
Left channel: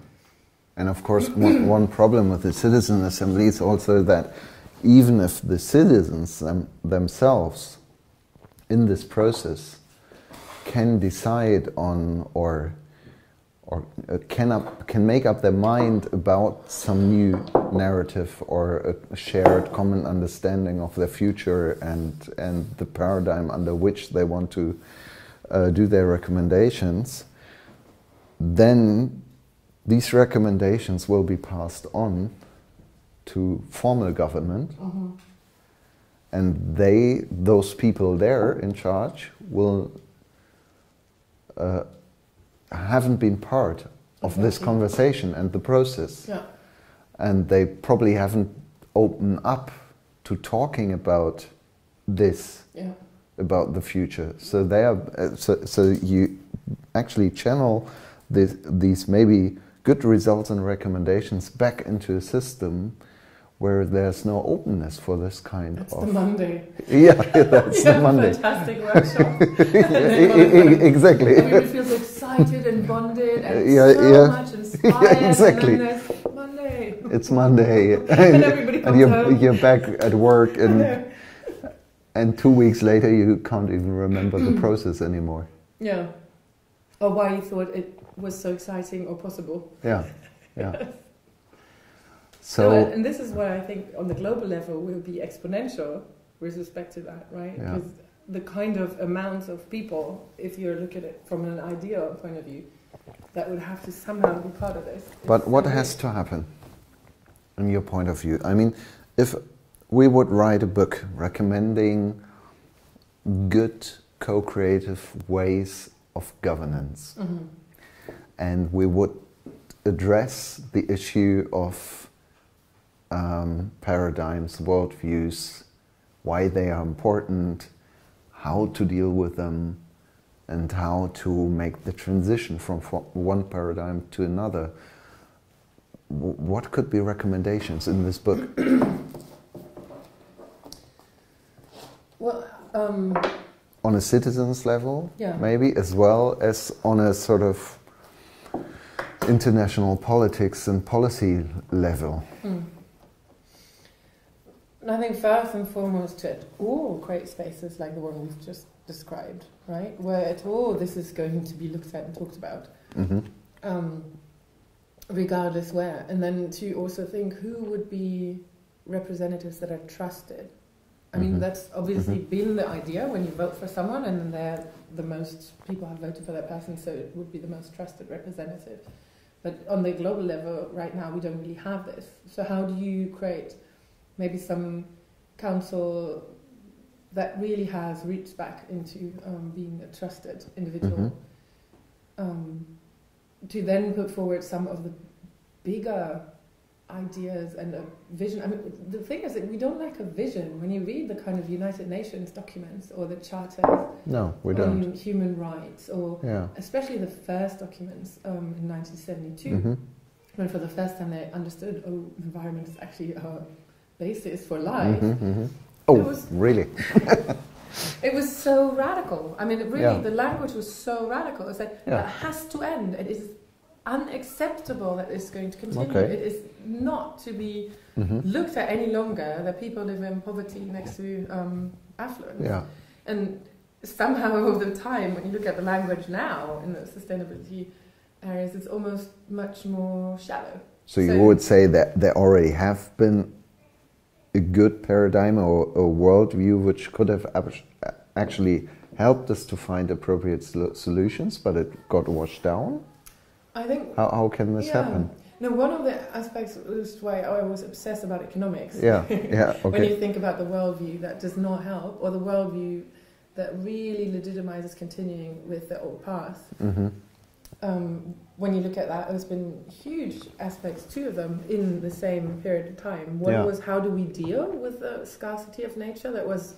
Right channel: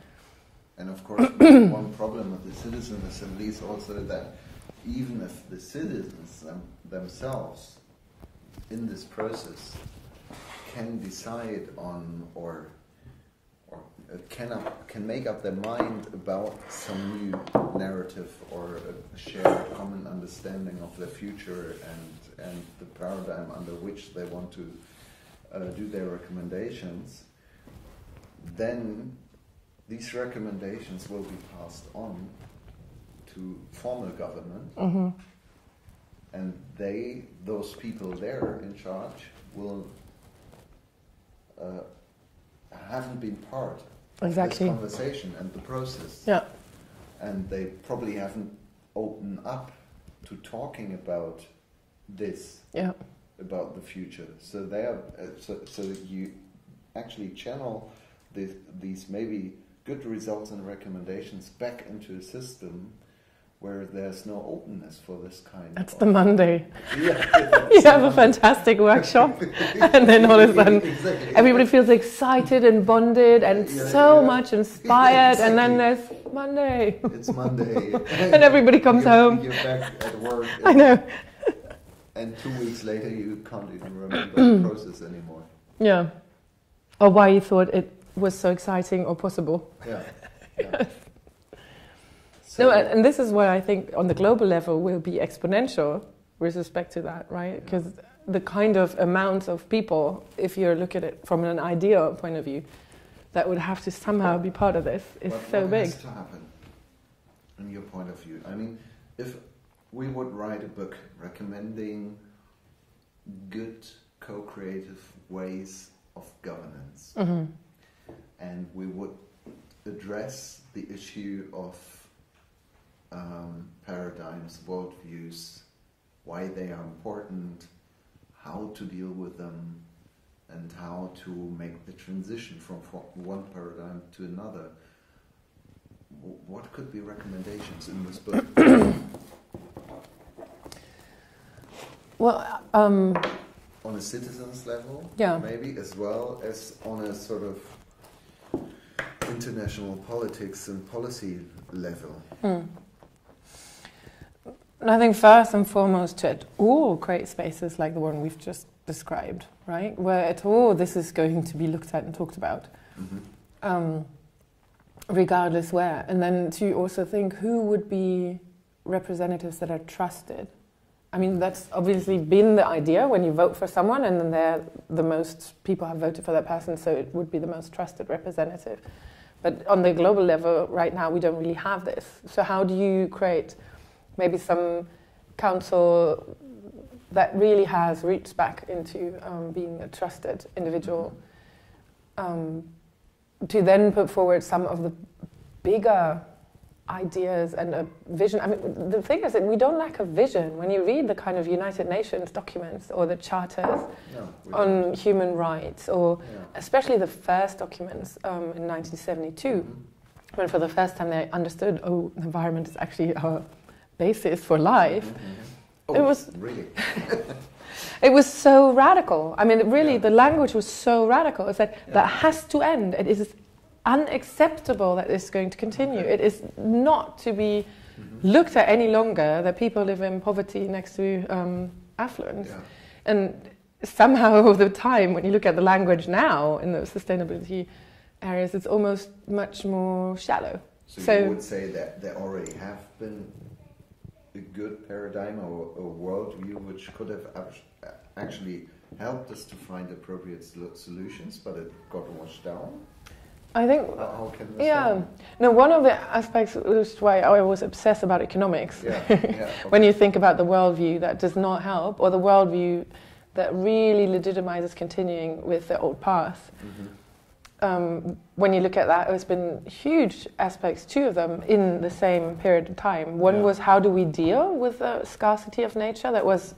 And of course, one problem with the citizen assembly is also that even if the citizens themselves in this process can decide on or can make up their mind about some new narrative or a shared common understanding of their future and the paradigm under which they want to do their recommendations, then these recommendations will be passed on to formal government, and those people there in charge will haven't been part of this conversation and the process. Yeah. And they probably haven't opened up to talking about this, about the future. So they are so you actually channel these maybe good results and recommendations back into a system where there's no openness for this kind That's of... the Monday. Yeah, that's you have a fantastic workshop, and then all of a sudden everybody feels excited and bonded and so much inspired, and then there's Monday. It's Monday. And everybody comes home. You're back at work. And, I know. And 2 weeks later you can't even remember the process anymore. Yeah. Or why you thought it was so exciting or possible. Yeah, yeah. Yes. So, no, and this is what I think on the global level will be exponential with respect to that, right? Because the kind of amount of people, if you look at it from an ideal point of view, that would have to somehow be part of this. But what has to happen, in your point of view? I mean, if we would write a book recommending good co-creative ways of governance, and we would address the issue of paradigms, worldviews, why they are important, how to deal with them, and how to make the transition from one paradigm to another. What could be recommendations in this book? Well, on a citizen's level, yeah, maybe, as well as on a sort of international politics and policy level. And I think first and foremost to at all create spaces like the one we've just described, right? Where at all this is going to be looked at and talked about, regardless where. And then to also think who would be representatives that are trusted. I mean, that's obviously been the idea when you vote for someone, and then they're the most people have voted for that person, so it would be the most trusted representative. But on the global level, right now, we don't really have this. So how do you create maybe some council that really has roots back into being a trusted individual, to then put forward some of the bigger ideas and a vision? I mean, the thing is that we don't lack a vision. When you read the kind of United Nations documents or the charters on human rights, or especially the first documents in 1972, when for the first time they understood, oh, the environment is actually our basis for life. Oh, it was really? It was so radical. I mean, really, the language was so radical. It said, that has to end. It is unacceptable that this is going to continue. It is not to be looked at any longer that people live in poverty next to affluence. Yeah. And somehow over the time, when you look at the language now in the sustainability areas, it's almost much more shallow. So you would say that there already have been a good paradigm or a worldview which could have actually helped us to find appropriate solutions, but it got washed down? I think... How can this happen? No, one of the aspects, which is why I was obsessed about economics, when you think about the worldview that does not help, or the worldview that really legitimizes continuing with the old path. When you look at that, there's been huge aspects, two of them, in the same period of time. One was, how do we deal with the scarcity of nature that was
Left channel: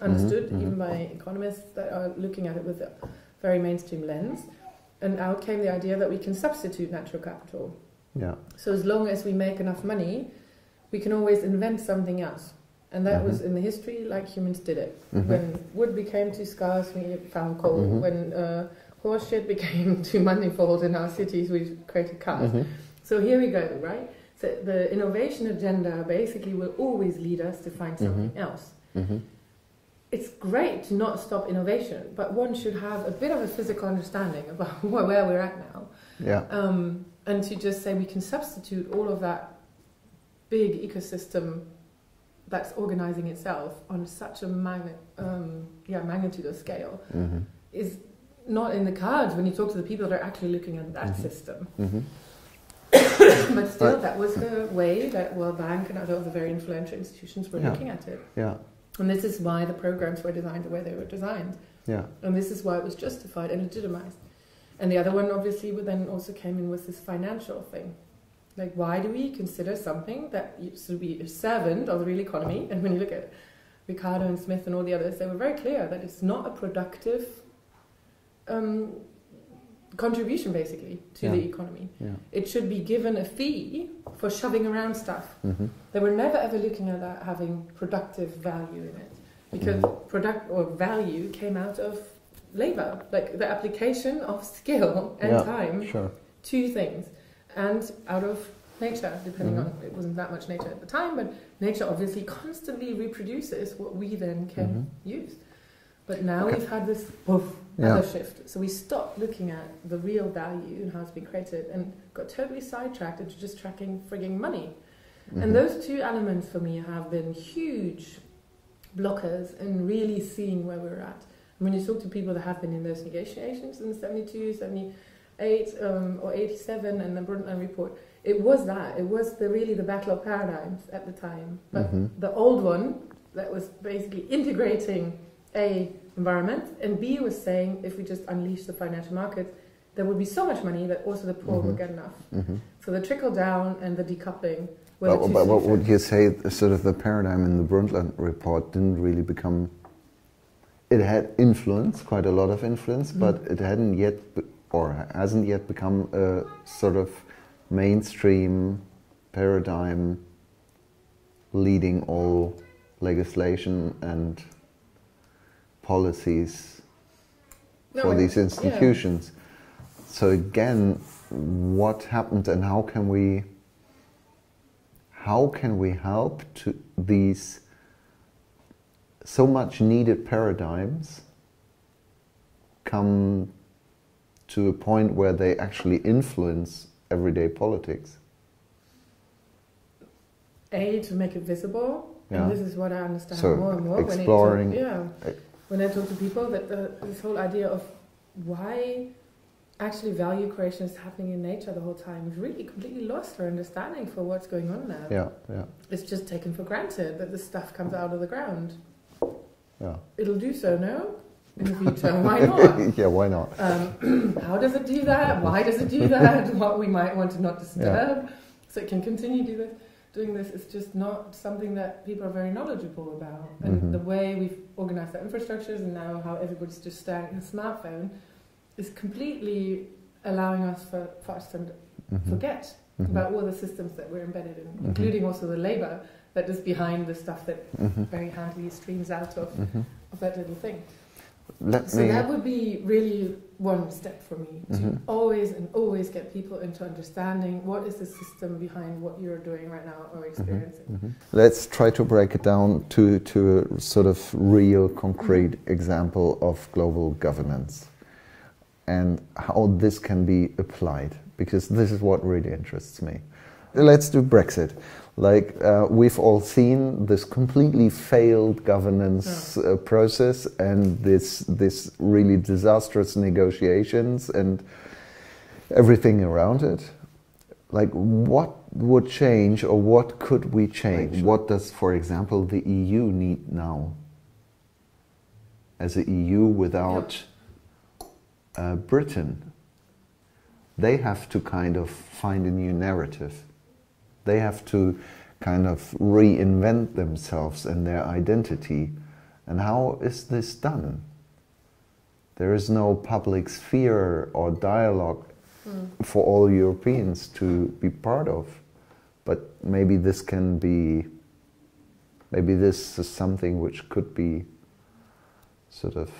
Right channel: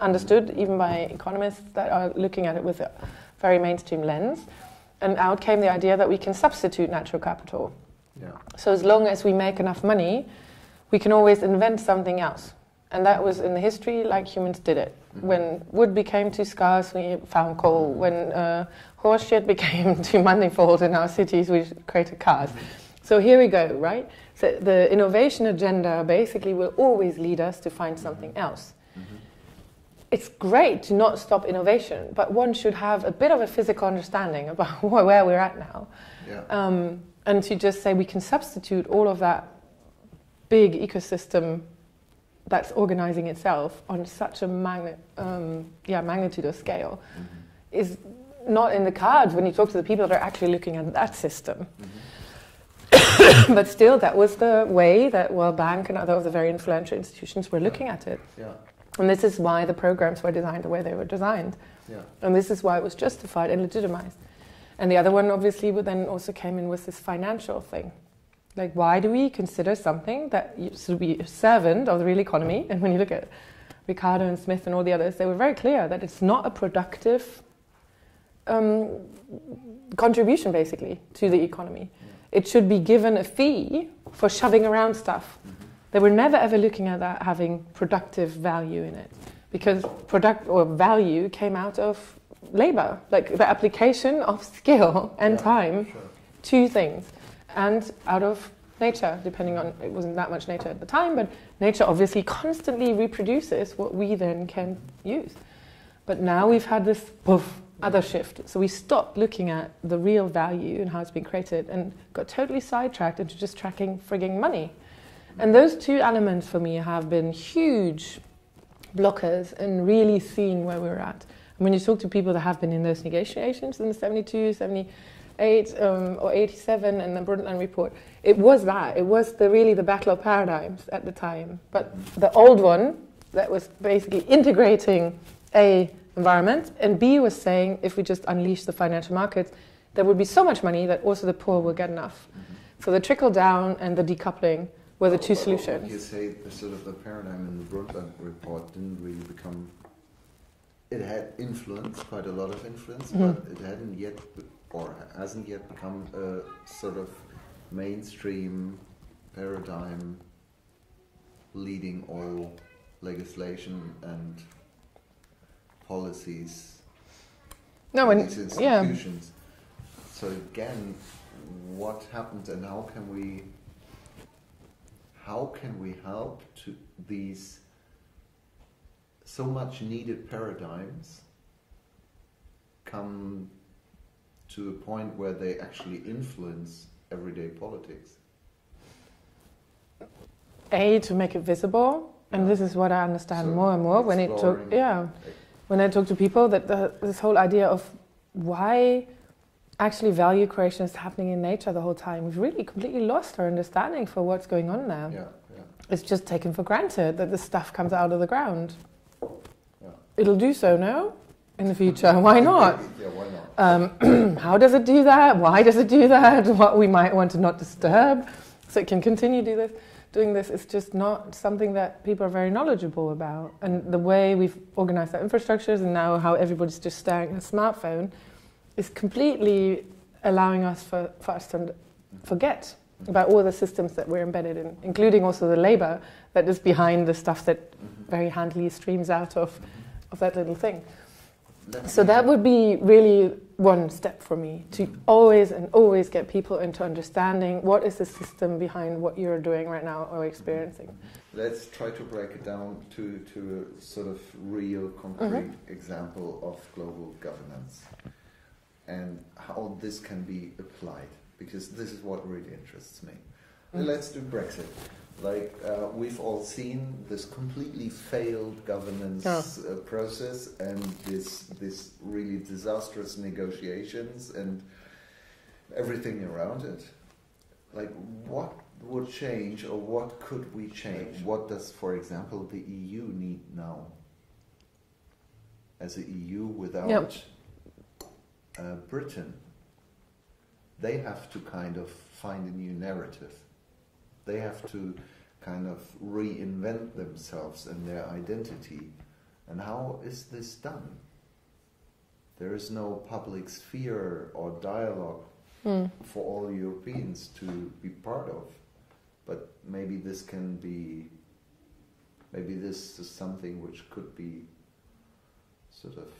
understood even by economists that are looking at it with a very mainstream lens. And out came the idea that we can substitute natural capital. So as long as we make enough money, we can always invent something else. And that was in the history like humans did it. When wood became too scarce, we found coal. When horse shit became too manifold in our cities, we created cars. So here we go, right? So the innovation agenda basically will always lead us to find something else. It's great to not stop innovation, but one should have a bit of a physical understanding about where we're at now. And to just say we can substitute all of that big ecosystem that's organizing itself on such a magnitude of scale is not in the cards when you talk to the people that are actually looking at that system. But still, that was the way that World Bank and other of the very influential institutions were looking at it. And this is why the programs were designed the way they were designed. And this is why it was justified and legitimized. And the other one, obviously, then also came in with this financial thing. Like, why do we consider something that should be a servant of the real economy? And when you look at Ricardo and Smith and all the others, they were very clear that it's not a productive contribution, basically, to the economy. It should be given a fee for shoving around stuff. They were never ever looking at that having productive value in it, because product or value came out of labor, like the application of skill and time to things, and out of nature, depending on, it wasn't that much nature at the time, but nature obviously constantly reproduces what we then can use. But now we've had this other shift. So we stopped looking at the real value and how it's been created and got totally sidetracked into just tracking frigging money. And those two elements for me have been huge blockers in really seeing where we're at. And when you talk to people that have been in those negotiations in the 72, 78 or 87 and the Brundtland report, it was that. It was really the battle of paradigms at the time. But the old one that was basically integrating A, environment, and B was saying if we just unleash the financial markets, there would be so much money that also the poor will get enough. So the trickle down and the decoupling were the two solutions. What would you say sort of the paradigm in the Brundtland report didn't really become... It had influence, quite a lot of influence, but it hadn't yet, or hasn't yet become a sort of mainstream paradigm leading all legislation and policies for these institutions. So again, what happened and how can we help to these so much needed paradigms come to a point where they actually influence everyday politics? A, to make it visible, and this is what I understand more and more when I talk to people, that this whole idea of why actually value creation is happening in nature the whole time. We've really completely lost our understanding for what's going on there. It's just taken for granted that this stuff comes out of the ground. It'll do so, no? In the future. Why not? Why not? How does it do that? Why does it do that? What we might want to not disturb so it can continue doing this is just not something that people are very knowledgeable about. And the way we've organized our infrastructures and now how everybody's just staring at a smartphone is completely allowing us for us to forget about all the systems that we're embedded in, including also the labor that is behind the stuff that very handily streams out of that little thing. So that would be really one step for me, to always get people into understanding what is the system behind what you're doing right now or experiencing. Let's try to break it down to a sort of real concrete example of global governance and how this can be applied, because this is what really interests me. Let's do Brexit. Like, we've all seen this completely failed governance process and this really disastrous negotiations and everything around it. Like, what would change, or what could we change? What does, for example, the EU need now? As an EU without Britain, they have to kind of find a new narrative. They have to kind of reinvent themselves and their identity. And how is this done? There is no public sphere or dialogue for all Europeans to be part of. But maybe this can be, maybe this is something which could be sort of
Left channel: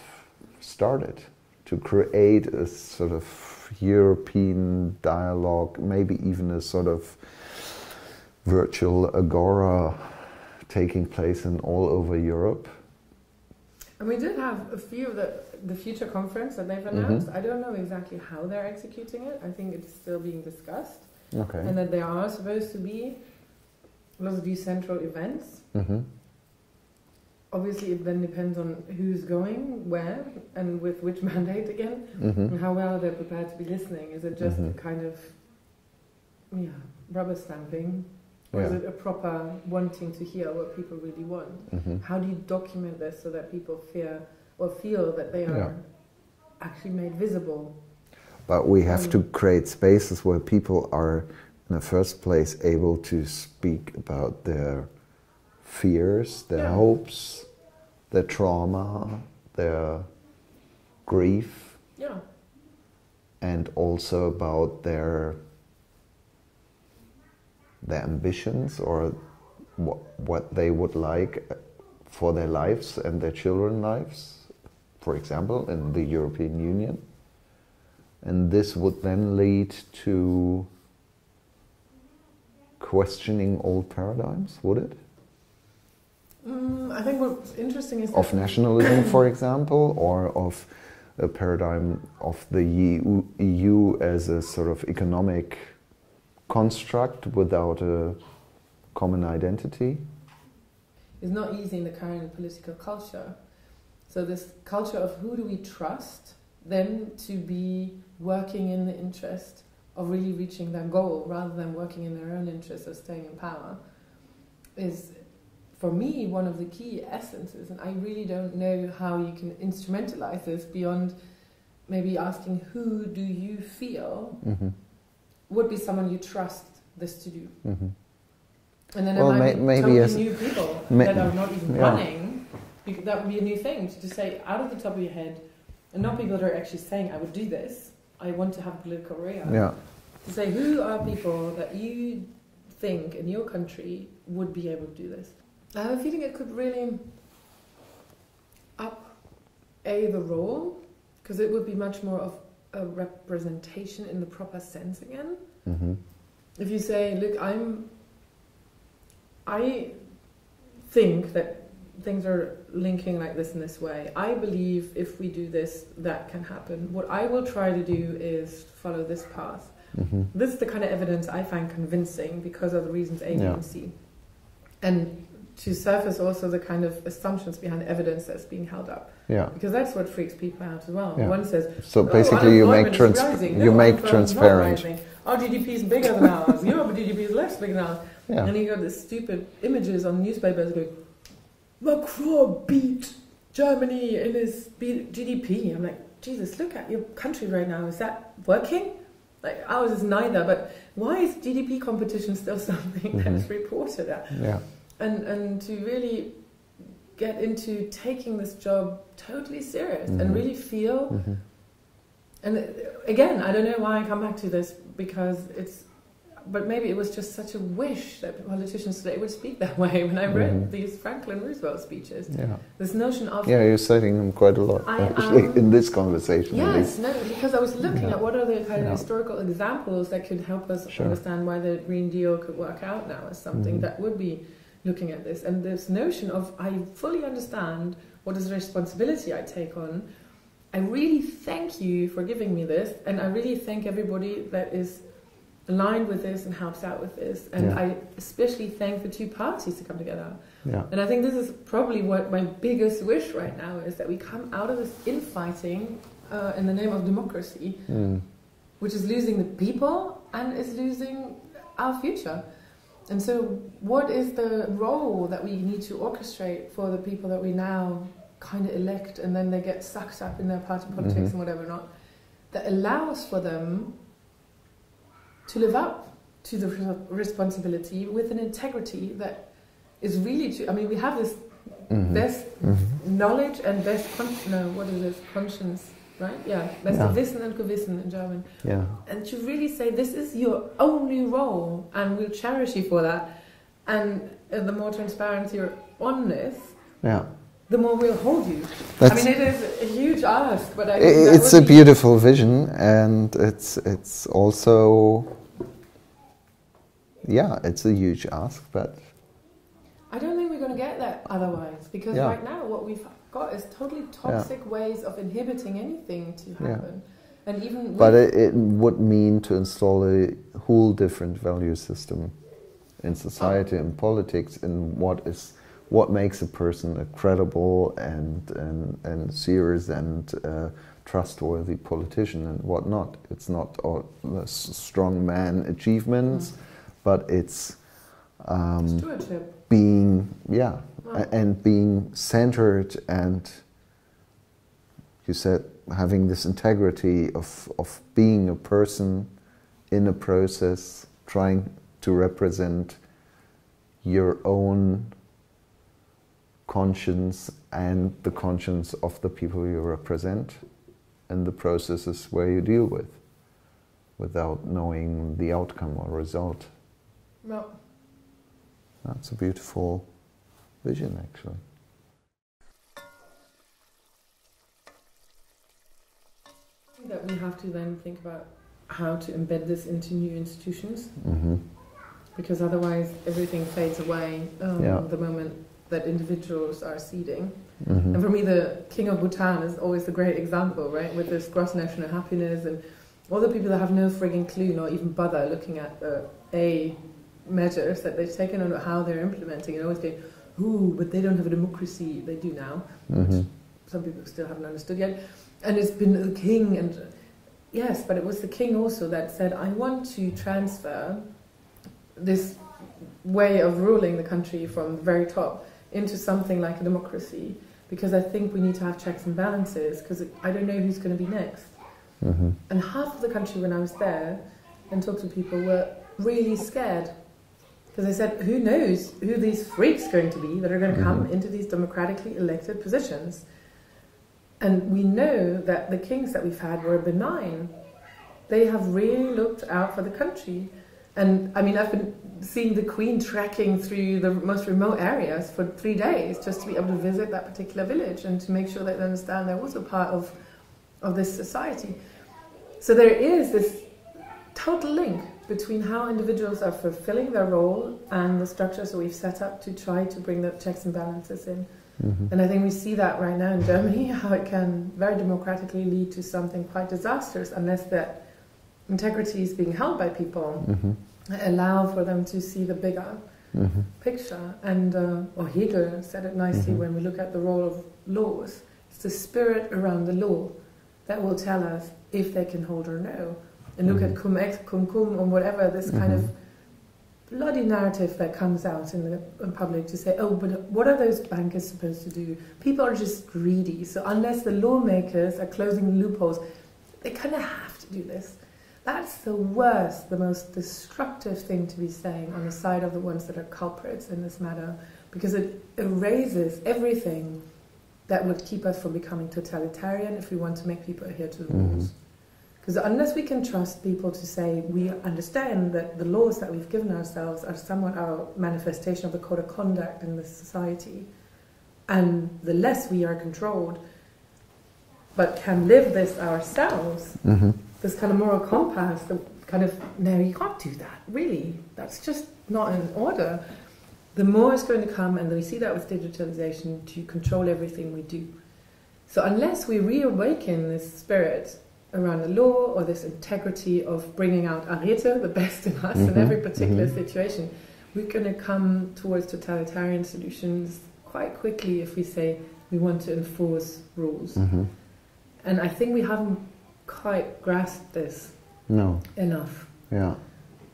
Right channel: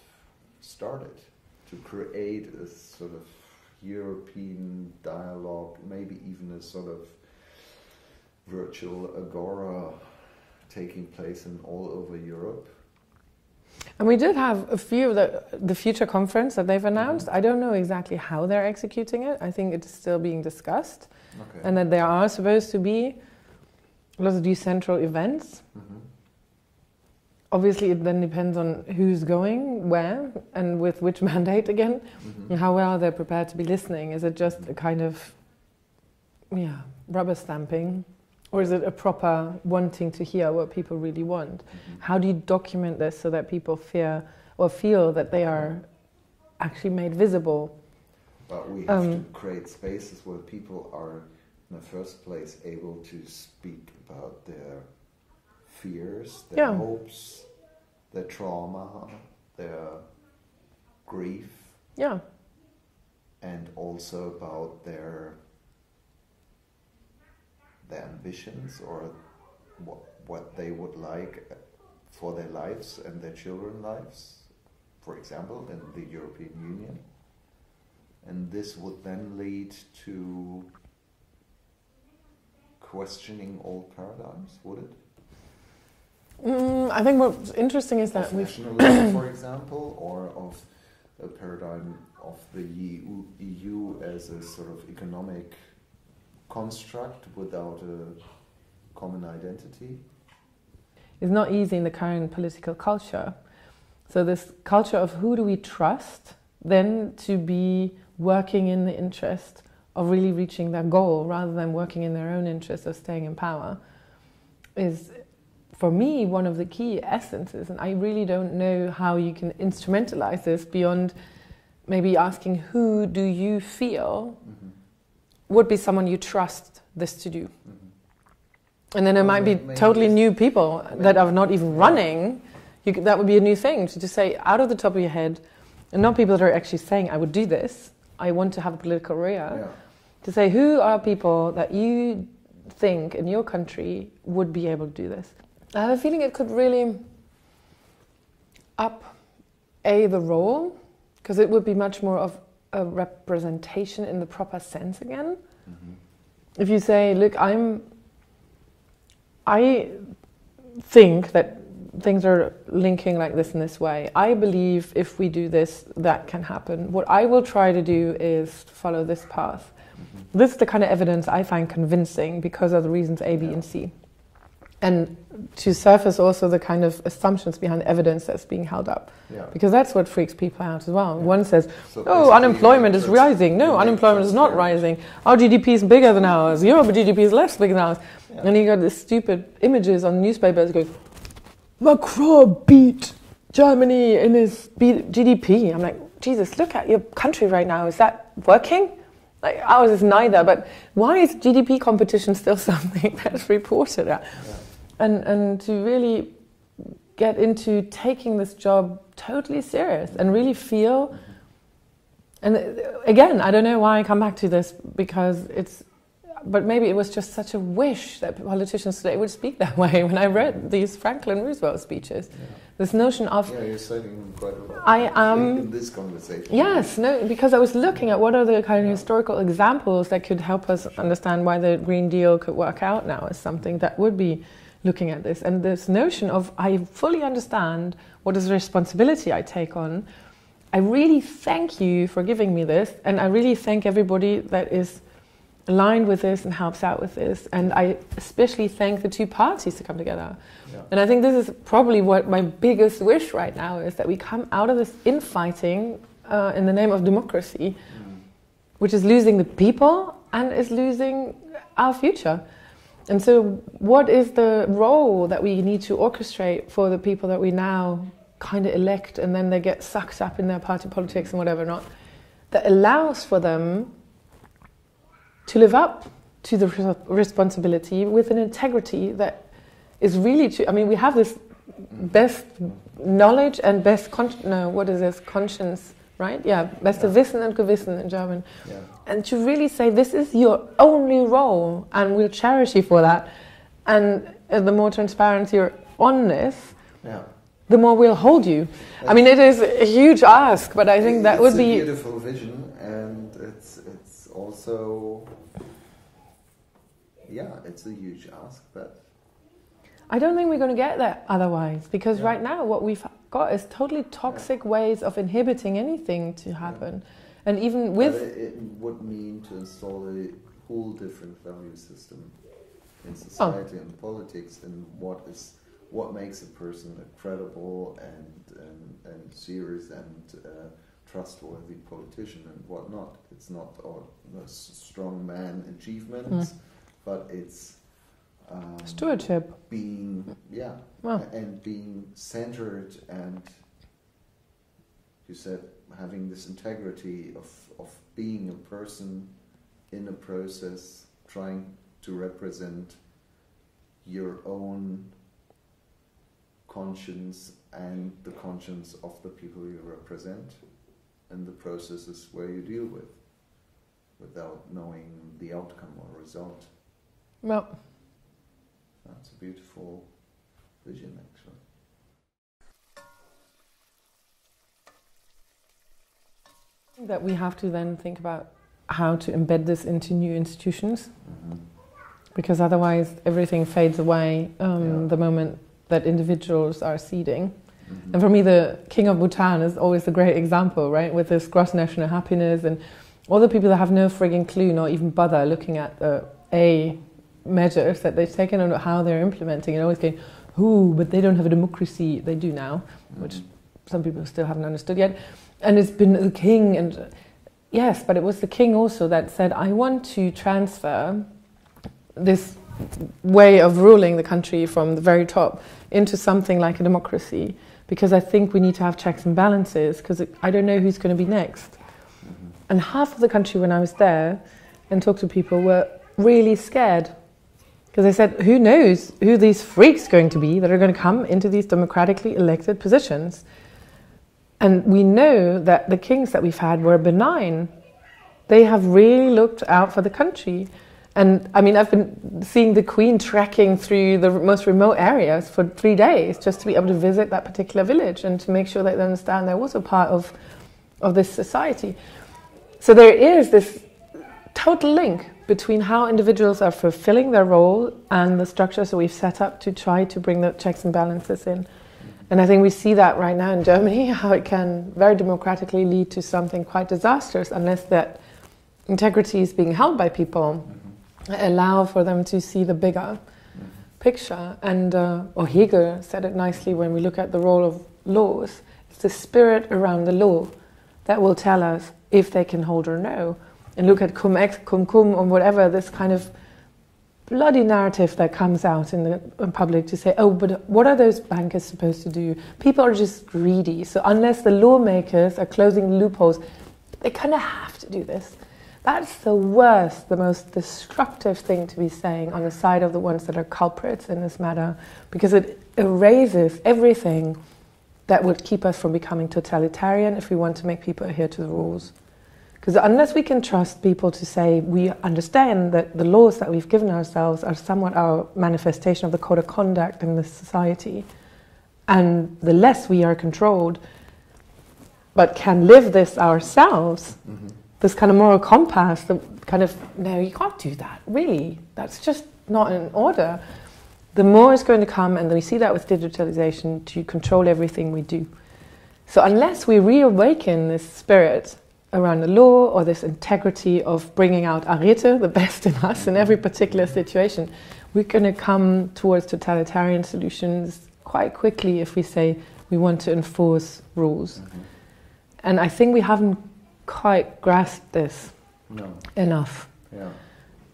started to create a sort of European dialogue, maybe even a sort of virtual agora taking place in all over Europe. And we did have a few, the future conference that they've announced. I don't know exactly how they're executing it. I think it's still being discussed. Okay. And that there are supposed to be lots of decentral events. Obviously, it then depends on who's going, where, and with which mandate again, and how well they're prepared to be listening. Is it just a kind of, rubber stamping? Or is it a proper wanting to hear what people really want? How do you document this so that people feel that they are actually made visible? But we have to create spaces where people are, in the first place, able to speak about their fears, their hopes, their trauma, their grief, and also about their ambitions, or what they would like for their lives and their children's lives, for example, in the European Union. And this would then lead to questioning old paradigms, would it? I think what's interesting is that... Of nationalism, for example, or of a paradigm of the EU as a sort of economic construct without a common identity? It's not easy in the current political culture. So this culture of who do we trust then to be working in the interest of really reaching their goal rather than working in their own interest of staying in power is, for me, one of the key essences. And I really don't know how you can instrumentalize this beyond maybe asking, who do you feel would be someone you trust this to do? And then it might be totally new people that are not even running. That would be a new thing, to just say out of the top of your head, and not people that are actually saying, I would do this, I want to have a political career. To say, who are people that you think in your country would be able to do this? I have a feeling it could really up the role, because it would be much more of a representation in the proper sense again. If you say, look, I think that things are linking like this in this way. I believe if we do this, that can happen. What I will try to do is follow this path. This is the kind of evidence I find convincing because of the reasons A, B, and C. And to surface also the kind of assumptions behind evidence that's being held up. Because that's what freaks people out as well. One says, unemployment is rising. No, unemployment is not rising. Our GDP is bigger than ours. Your GDP is less big than ours. And you got these stupid images on newspapers going, Macron beat Germany in his GDP. I'm like, Jesus, look at your country right now. Is that working? Like, ours is neither, but why is GDP competition still something that's reported at? And to really get into taking this job totally serious and really feel... And again, I don't know why I come back to this, because but maybe it was just such a wish that politicians today would speak that way. When I read these Franklin Roosevelt speeches, this notion of... Yeah, you're citing him quite a lot in this conversation. Yes, because I was looking at what are the kind of historical examples that could help us understand why the Green Deal could work out now as something that would be looking at this. And this notion of, I fully understand what is the responsibility I take on. I really thank you for giving me this, and I really thank everybody that is aligned with this and helps out with this. And I especially thank the two parties to come together. Yeah. And I think this is probably what my biggest wish right now is, that we come out of this infighting in the name of democracy, which is losing the people and is losing our future. And so what is the role that we need to orchestrate for the people that we now kind of elect, and then they get sucked up in their party politics and whatever not, that allows for them to live up to the responsibility with an integrity that is really true. I mean, we have this best knowledge and best conscience, right? Yeah, beste Wissen und Gewissen in German. Yeah. And to really say, this is your only role, and we'll cherish you for that. And the more transparent you're on this, the more we'll hold you. I mean, it is a huge ask, but I think that would be... It's a beautiful vision, and it's also... Yeah, it's a huge ask, but... I don't think we're going to get that otherwise, because right now what we've got is totally toxic ways of inhibiting anything to happen. And even with... But it would mean to install a whole different value system in society and politics, and what makes a person a credible and serious and trustworthy politician and what not. It's not all the strong man achievements, but it's stewardship. Being and being centered, and you said having this integrity of being a person in a process, trying to represent your own conscience and the conscience of the people you represent, and the processes where you deal with, without knowing the outcome or result. Well, that's a beautiful vision, actually. That we have to then think about how to embed this into new institutions, because otherwise everything fades away the moment that individuals are ceding. And for me, the King of Bhutan is always a great example, right? With this gross national happiness, and all the people that have no frigging clue, nor even bother looking at the measures that they've taken and how they're implementing, and always going, but they don't have a democracy. They do now, which some people still haven't understood yet. And it's been the king, and yes, but it was the king also that said, I want to transfer this way of ruling the country from the very top into something like a democracy, because I think we need to have checks and balances, because I don't know who's going to be next. And half of the country, when I was there and talked to people, were really scared, because they said, who knows who these freaks are going to be that are going to come into these democratically elected positions. And we know that the kings that we've had were benign. They have really looked out for the country. And I mean, I've been seeing the Queen trekking through the most remote areas for 3 days just to be able to visit that particular village and to make sure that they understand they're also part of this society. So there is this total link between how individuals are fulfilling their role and the structures that we've set up to try to bring the checks and balances in. And I think we see that right now in Germany, how it can very democratically lead to something quite disastrous unless that integrity is being held by people, allow for them to see the bigger picture. And Hegel said it nicely when we look at the role of laws. It's the spirit around the law that will tell us if they can hold or no. And look at cum ex, cum cum, or whatever, this kind of bloody narrative that comes out in the public to say, but what are those bankers supposed to do? People are just greedy. So unless the lawmakers are closing loopholes, they kind of have to do this. That's the worst, the most destructive thing to be saying on the side of the ones that are culprits in this matter, because it erases everything that would keep us from becoming totalitarian if we want to make people adhere to the rules. Because unless we can trust people to say, we understand that the laws that we've given ourselves are somewhat our manifestation of the code of conduct in this society, and the less we are controlled, but can live this ourselves, this kind of moral compass, the kind of, no, you can't do that, really, that's just not in order. The more is going to come, and we see that with digitalization, to control everything we do. So unless we reawaken this spirit around the law, or this integrity of bringing out Hunderte, the best in us in every particular situation, we're going to come towards totalitarian solutions quite quickly if we say we want to enforce rules. And I think we haven't quite grasped this enough. Yeah.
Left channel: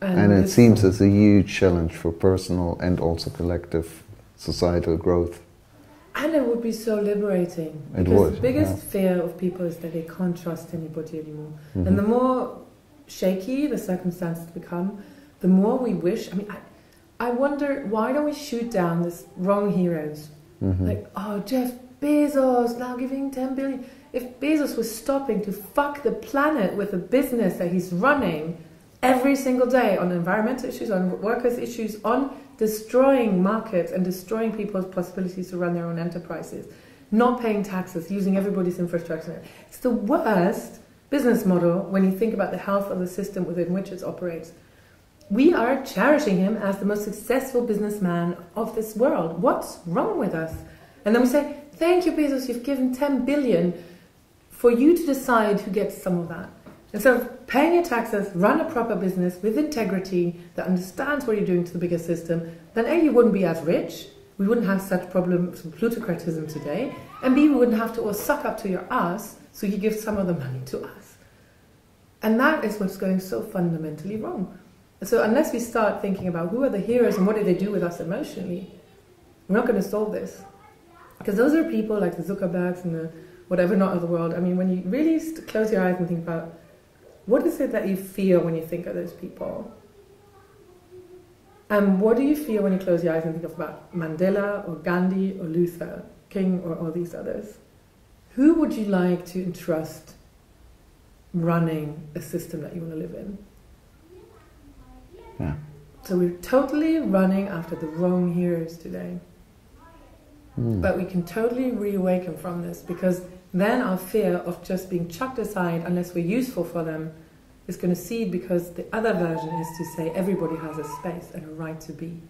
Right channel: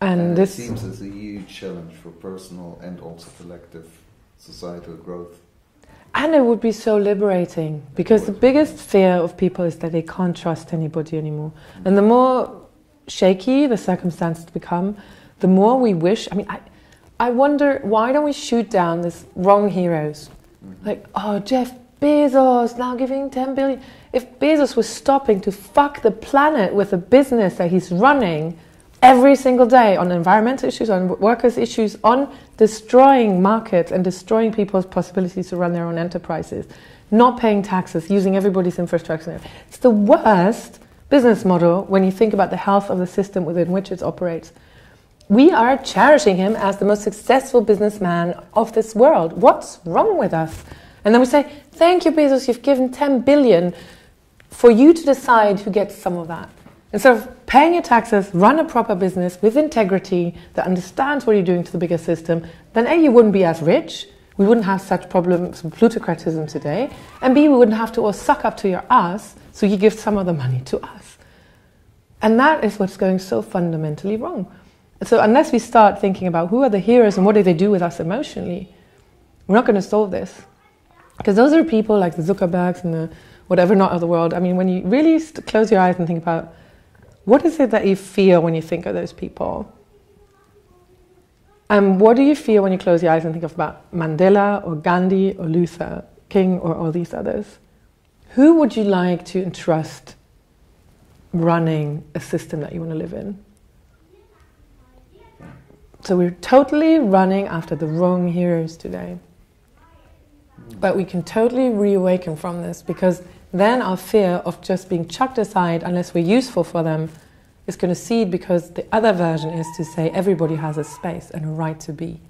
And it seems it's a huge challenge for personal and also collective societal growth. And it would be so liberating, because the biggest fear of people is that they can't trust anybody anymore. And the more shaky the circumstances become, the more we wish. I mean, I wonder, why don't we shoot down these wrong heroes? Like, oh, Jeff Bezos now giving 10 billion. If Bezos was stopping to fuck the planet with a business that he's running every single day on environmental issues, on workers' issues, on destroying markets and destroying people's possibilities to run their own enterprises, not paying taxes, using everybody's infrastructure. It's the worst business model when you think about the health of the system within which it operates. We are cherishing him as the most successful businessman of this world. What's wrong with us? And then we say, thank you, Bezos, you've given 10 billion for you to decide who gets some of that. Instead of paying your taxes, run a proper business with integrity that understands what you're doing to the bigger system, then A, you wouldn't be as rich, we wouldn't have such problems with plutocratism today, and B, we wouldn't have to all suck up to your ass, so you give some of the money to us. And that is what's going so fundamentally wrong. So unless we start thinking about who are the heroes and what do they do with us emotionally, we're not going to solve this. Because those are people like the Zuckerbergs and the whatever not of the world. I mean, when you really close your eyes and think about what is it that you feel when you think of those people? And what do you feel when you close your eyes and think about Mandela or Gandhi or Luther King or all these others? Who would you like to entrust running a system that you want to live in? Yeah. So we're totally running after the wrong heroes today. But we can totally reawaken from this, because then our fear of just being chucked aside unless we're useful for them is going to cede, because the other version is to say everybody has a space and a right to be.